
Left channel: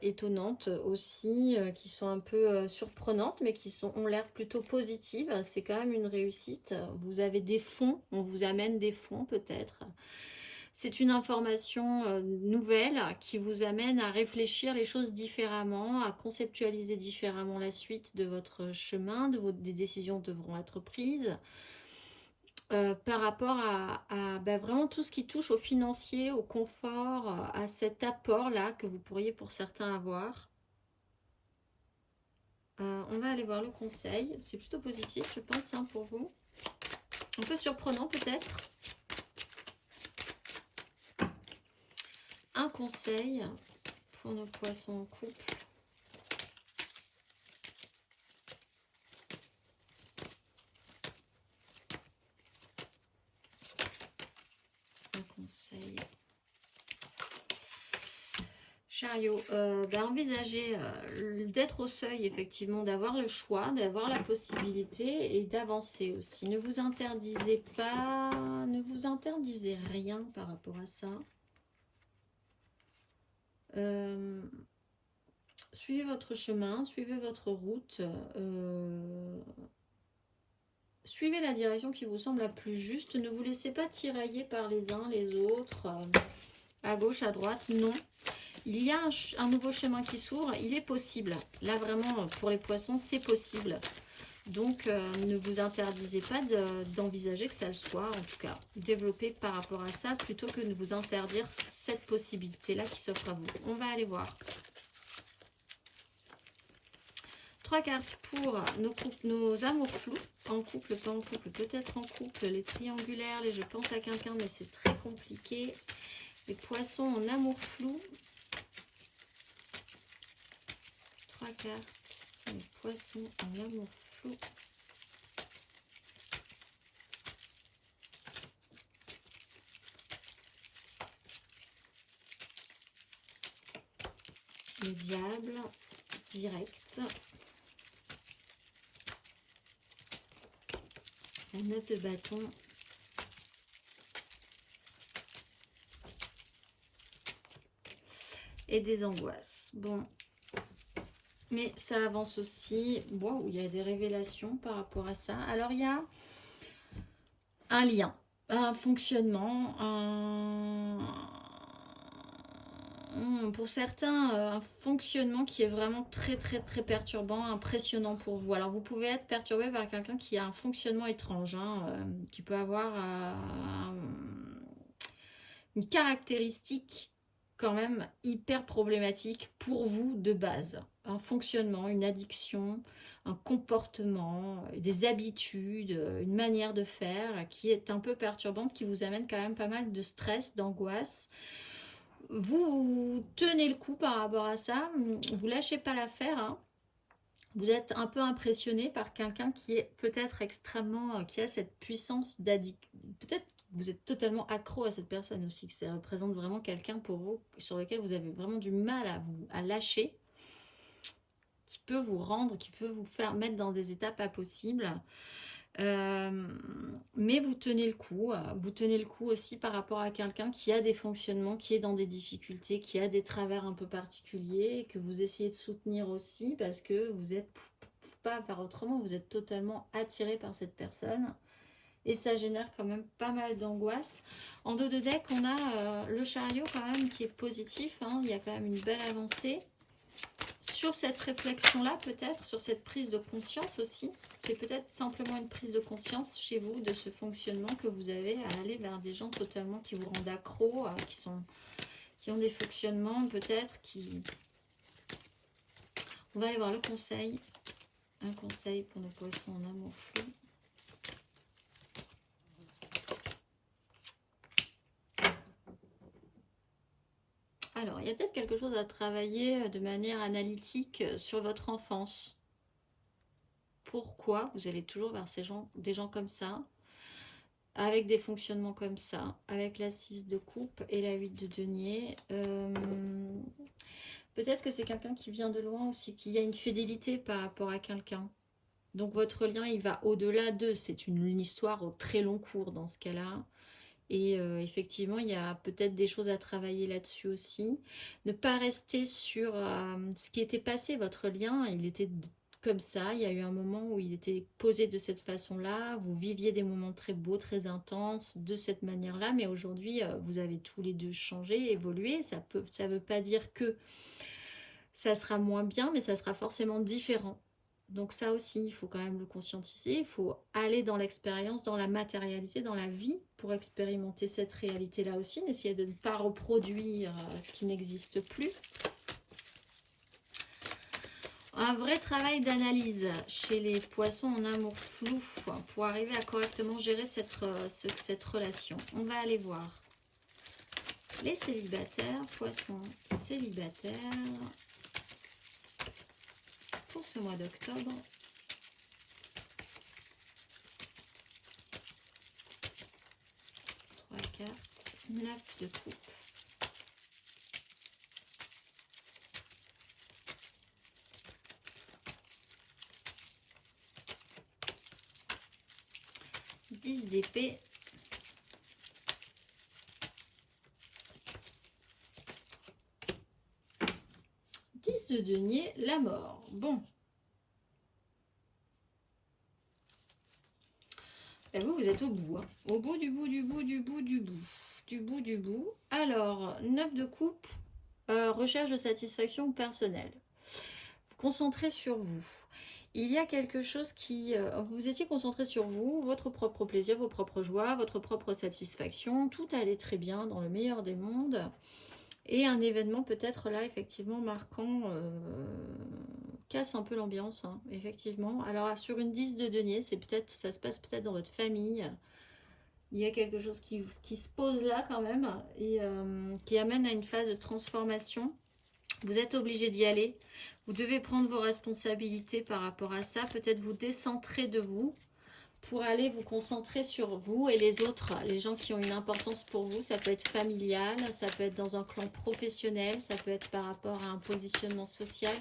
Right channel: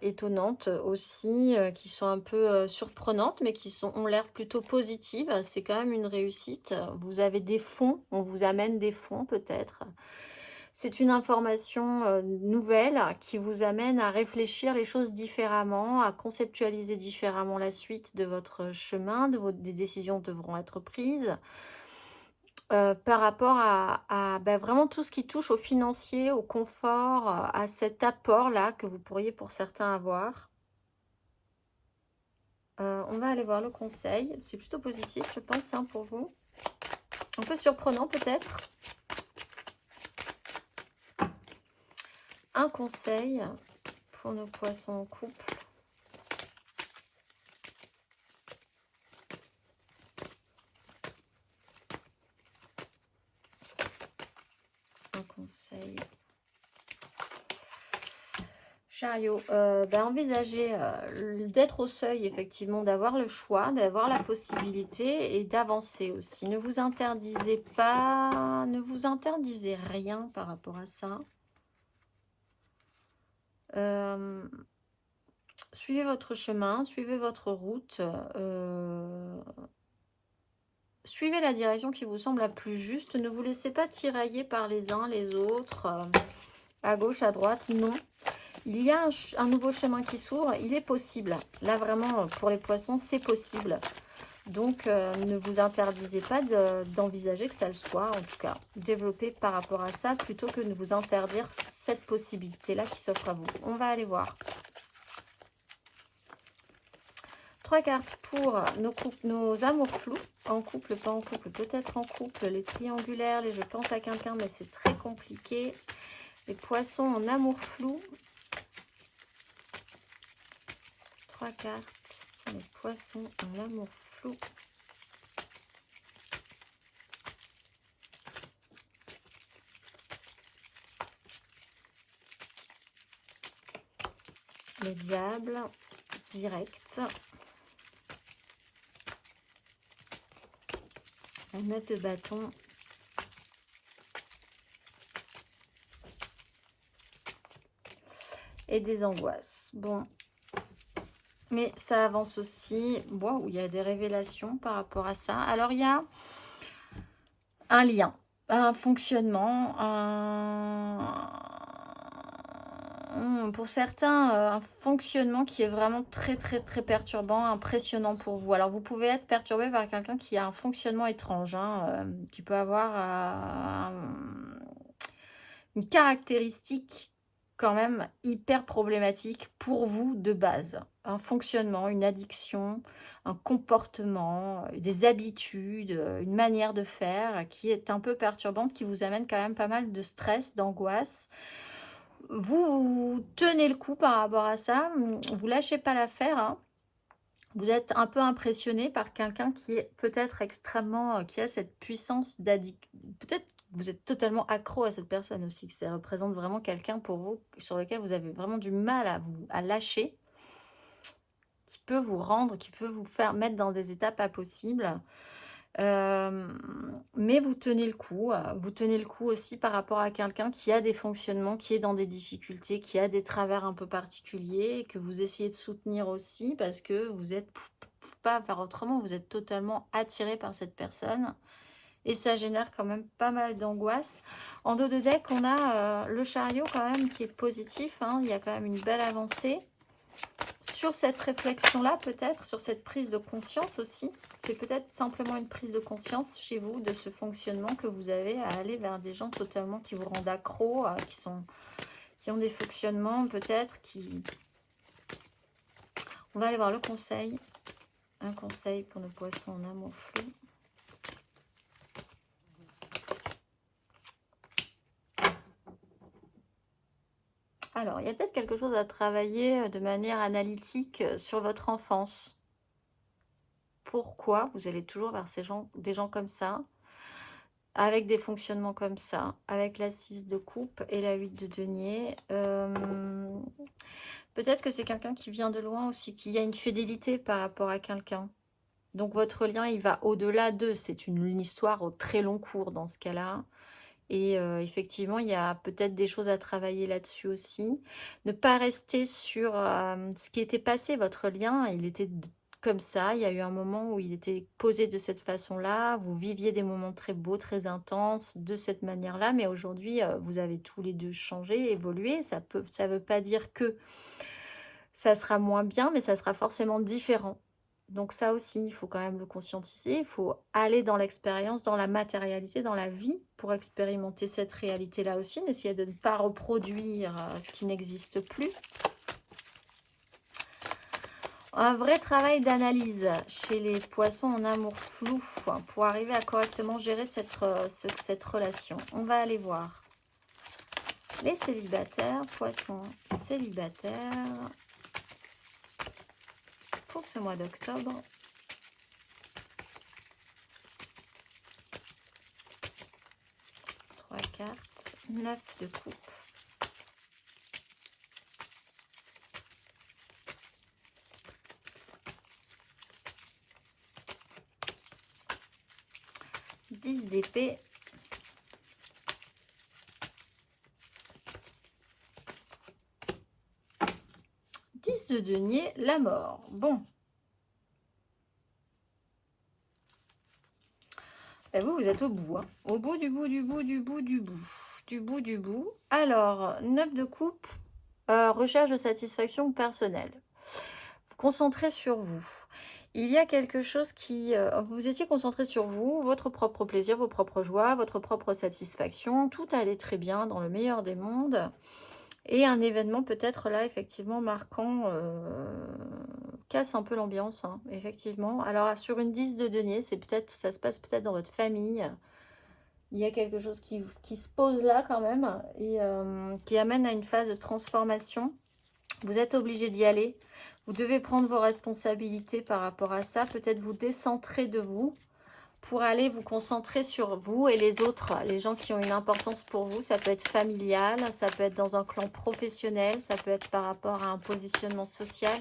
étonnantes aussi, qui sont un peu surprenantes, mais qui ont l'air plutôt positives. C'est quand même une réussite. Vous avez des fonds, on vous amène des fonds peut-être. C'est une information nouvelle qui vous amène à réfléchir les choses différemment, à conceptualiser différemment la suite de votre chemin, des décisions devront être prises. Par rapport à vraiment tout ce qui touche au financier, au confort, à cet apport-là que vous pourriez pour certains avoir. On va aller voir le conseil. C'est plutôt positif, je pense, hein, pour vous. Un peu surprenant peut-être. Un conseil pour nos poissons en couple. Un conseil. Chariot, envisagez d'être au seuil, effectivement, d'avoir le choix, d'avoir la possibilité et d'avancer aussi. Ne vous interdisez pas, ne vous interdisez rien par rapport à ça. Suivez votre chemin, suivez votre route, suivez la direction qui vous semble la plus juste. Ne vous laissez pas tirailler par les uns, les autres, à gauche, à droite, non. Il y a un nouveau chemin qui s'ouvre, il est possible. Là, vraiment, pour les poissons, c'est possible. Donc, ne vous interdisez pas d'envisager que ça le soit, en tout cas. Développez par rapport à ça, plutôt que de vous interdire cette possibilité-là qui s'offre à vous. On va aller voir. 3 cartes pour nos amours flous, en couple, pas en couple, peut-être en couple, les triangulaires, les je pense à quelqu'un, mais c'est très compliqué. Les poissons en amour flou. 3 cartes pour les poissons en amour flou. Les diables, direct. La 9 de bâton. Et des angoisses. Bon. Mais ça avance aussi. Wow, il y a des révélations par rapport à ça. Alors, il y a un lien, un fonctionnement, pour certains, un fonctionnement qui est vraiment très, très, très perturbant, impressionnant pour vous. Alors, vous pouvez être perturbé par quelqu'un qui a un fonctionnement étrange, hein, qui peut avoir une caractéristique quand même hyper problématique pour vous de base. Un fonctionnement, une addiction, un comportement, des habitudes, une manière de faire qui est un peu perturbante, qui vous amène quand même pas mal de stress, d'angoisse. Vous tenez le coup par rapport à ça, vous lâchez pas l'affaire, hein. Vous êtes un peu impressionné par quelqu'un qui est peut-être extrêmement, qui a cette puissance d'addiction. Peut-être vous êtes totalement accro à cette personne aussi, que ça représente vraiment quelqu'un pour vous, sur lequel vous avez vraiment du mal à lâcher, qui peut vous rendre, qui peut vous faire mettre dans des états pas possibles. Mais vous tenez le coup. Vous tenez le coup aussi par rapport à quelqu'un qui a des fonctionnements, qui est dans des difficultés, qui a des travers un peu particuliers, et que vous essayez de soutenir aussi parce que vous êtes pas faire autrement, vous êtes totalement attiré par cette personne. Et ça génère quand même pas mal d'angoisse. En dos de deck, on a le chariot quand même qui est positif, hein. Il y a quand même une belle avancée. Sur cette réflexion-là, peut-être, sur cette prise de conscience aussi, c'est peut-être simplement une prise de conscience chez vous de ce fonctionnement que vous avez à aller vers des gens totalement qui vous rendent accro, qui ont des fonctionnements peut-être qui... On va aller voir le conseil. Un conseil pour nos poissons en amour flou. Alors, il y a peut-être quelque chose à travailler de manière analytique sur votre enfance. Pourquoi vous allez toujours vers des gens comme ça, avec des fonctionnements comme ça, avec la 6 de coupe et la 8 de denier. Peut-être que c'est quelqu'un qui vient de loin aussi, qu'il y a une fidélité par rapport à quelqu'un. Donc votre lien, il va au-delà d'eux. C'est une histoire au très long cours dans ce cas-là. Et effectivement, il y a peut-être des choses à travailler là-dessus aussi. Ne pas rester sur ce qui était passé. Votre lien, il était comme ça. Il y a eu un moment où il était posé de cette façon-là. Vous viviez des moments très beaux, très intenses de cette manière-là. Mais aujourd'hui, vous avez tous les deux changé, évolué. Ça veut pas dire que ça sera moins bien, mais ça sera forcément différent. Donc ça aussi, il faut quand même le conscientiser. Il faut aller dans l'expérience, dans la matérialité, dans la vie pour expérimenter cette réalité-là aussi. N'essayez de ne pas reproduire ce qui n'existe plus. Un vrai travail d'analyse chez les poissons en amour flou pour arriver à correctement gérer cette relation. On va aller voir les célibataires, poissons célibataires pour ce mois d'octobre. Trois cartes, 9 de coupe. D'épée. 10 de denier, la mort. Bon. Et vous êtes au bout. Hein. Au bout, du bout, du bout, du bout, du bout. Du bout, du bout. Alors, 9 de coupe, recherche de satisfaction personnelle. Concentrez sur vous. Il y a quelque chose qui... vous étiez concentré sur vous, votre propre plaisir, vos propres joies, votre propre satisfaction. Tout allait très bien dans le meilleur des mondes. Et un événement peut-être là, effectivement, marquant, casse un peu l'ambiance, hein, effectivement. Alors, sur une 10 de denier, ça se passe peut-être dans votre famille. Il y a quelque chose qui se pose là quand même et qui amène à une phase de transformation. Vous êtes obligé d'y aller. Vous devez prendre vos responsabilités par rapport à ça. Peut-être vous décentrer de vous pour aller vous concentrer sur vous et les autres, les gens qui ont une importance pour vous. Ça peut être familial, ça peut être dans un clan professionnel, ça peut être par rapport à un positionnement social.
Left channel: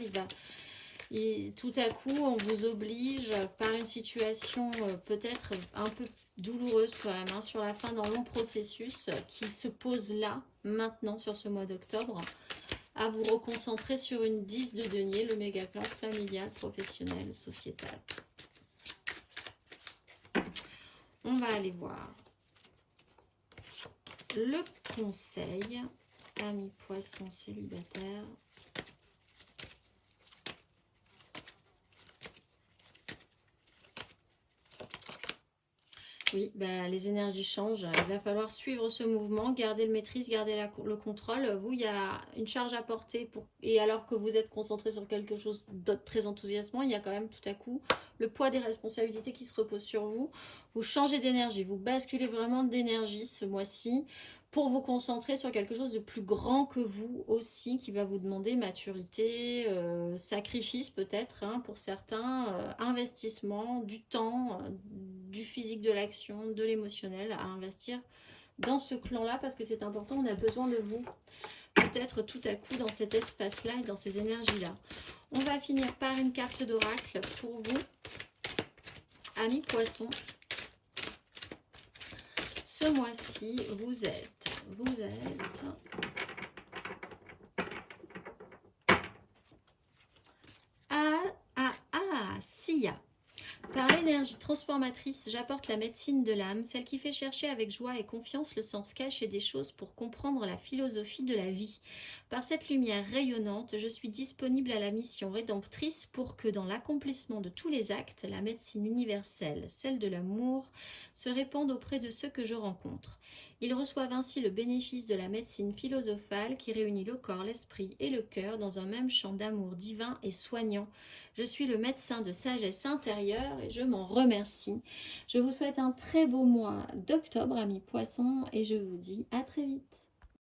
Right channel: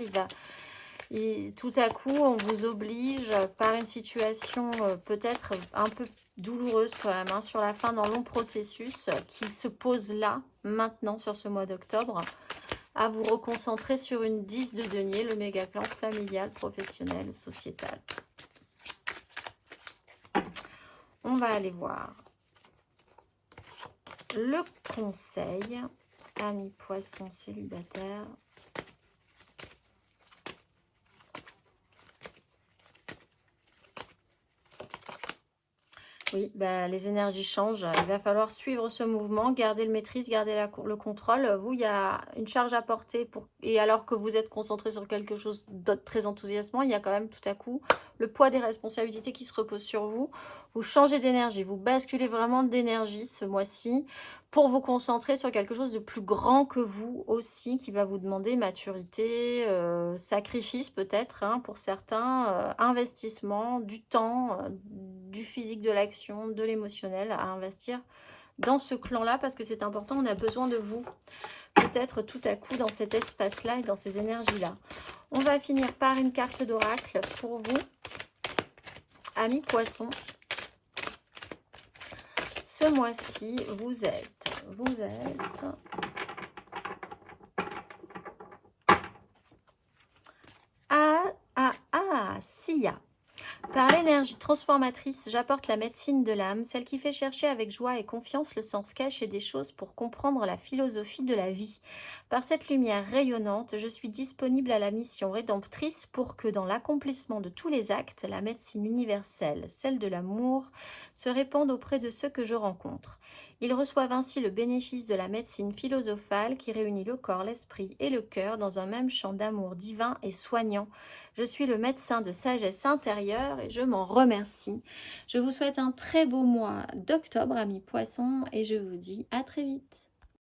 Tout à coup, on vous oblige par une situation peut-être un peu douloureuse quand même, hein, sur la fin d'un long processus qui se pose là, maintenant, sur ce mois d'octobre, à vous reconcentrer sur une 10 de denier, le méga clan familial, professionnel, sociétal. On va aller voir le conseil, amis poissons célibataires. Oui, bah, les énergies changent. Il va falloir suivre ce mouvement, garder le maîtrise, garder le contrôle. Vous, il y a une charge à porter et alors que vous êtes concentré sur quelque chose d'autre très enthousiasmant, il y a quand même tout à coup le poids des responsabilités qui se reposent sur vous. Vous changez d'énergie, vous basculez vraiment d'énergie ce mois-ci pour vous concentrer sur quelque chose de plus grand que vous aussi, qui va vous demander maturité, sacrifice peut-être, hein, pour certains, investissement, du temps, du physique, de l'action, de l'émotionnel à investir dans ce clan-là, parce que c'est important, on a besoin de vous, peut-être tout à coup dans cet espace-là et dans ces énergies-là. On va finir par une carte d'oracle pour vous, amis poissons. Ce mois-ci, vous êtes Sia. Par l'énergie transformatrice, j'apporte la médecine de l'âme, celle qui fait chercher avec joie et confiance le sens caché des choses pour comprendre la philosophie de la vie. Par cette lumière rayonnante, je suis disponible à la mission rédemptrice pour que dans l'accomplissement de tous les actes, la médecine universelle, celle de l'amour, se répande auprès de ceux que je rencontre. Ils reçoivent ainsi le bénéfice de la médecine philosophale qui réunit le corps, l'esprit et le cœur dans un même champ d'amour divin et soignant. Je suis le médecin de sagesse intérieure et je m'en remercie. Je vous souhaite un très beau mois d'octobre, amis poissons, et je vous dis à très vite.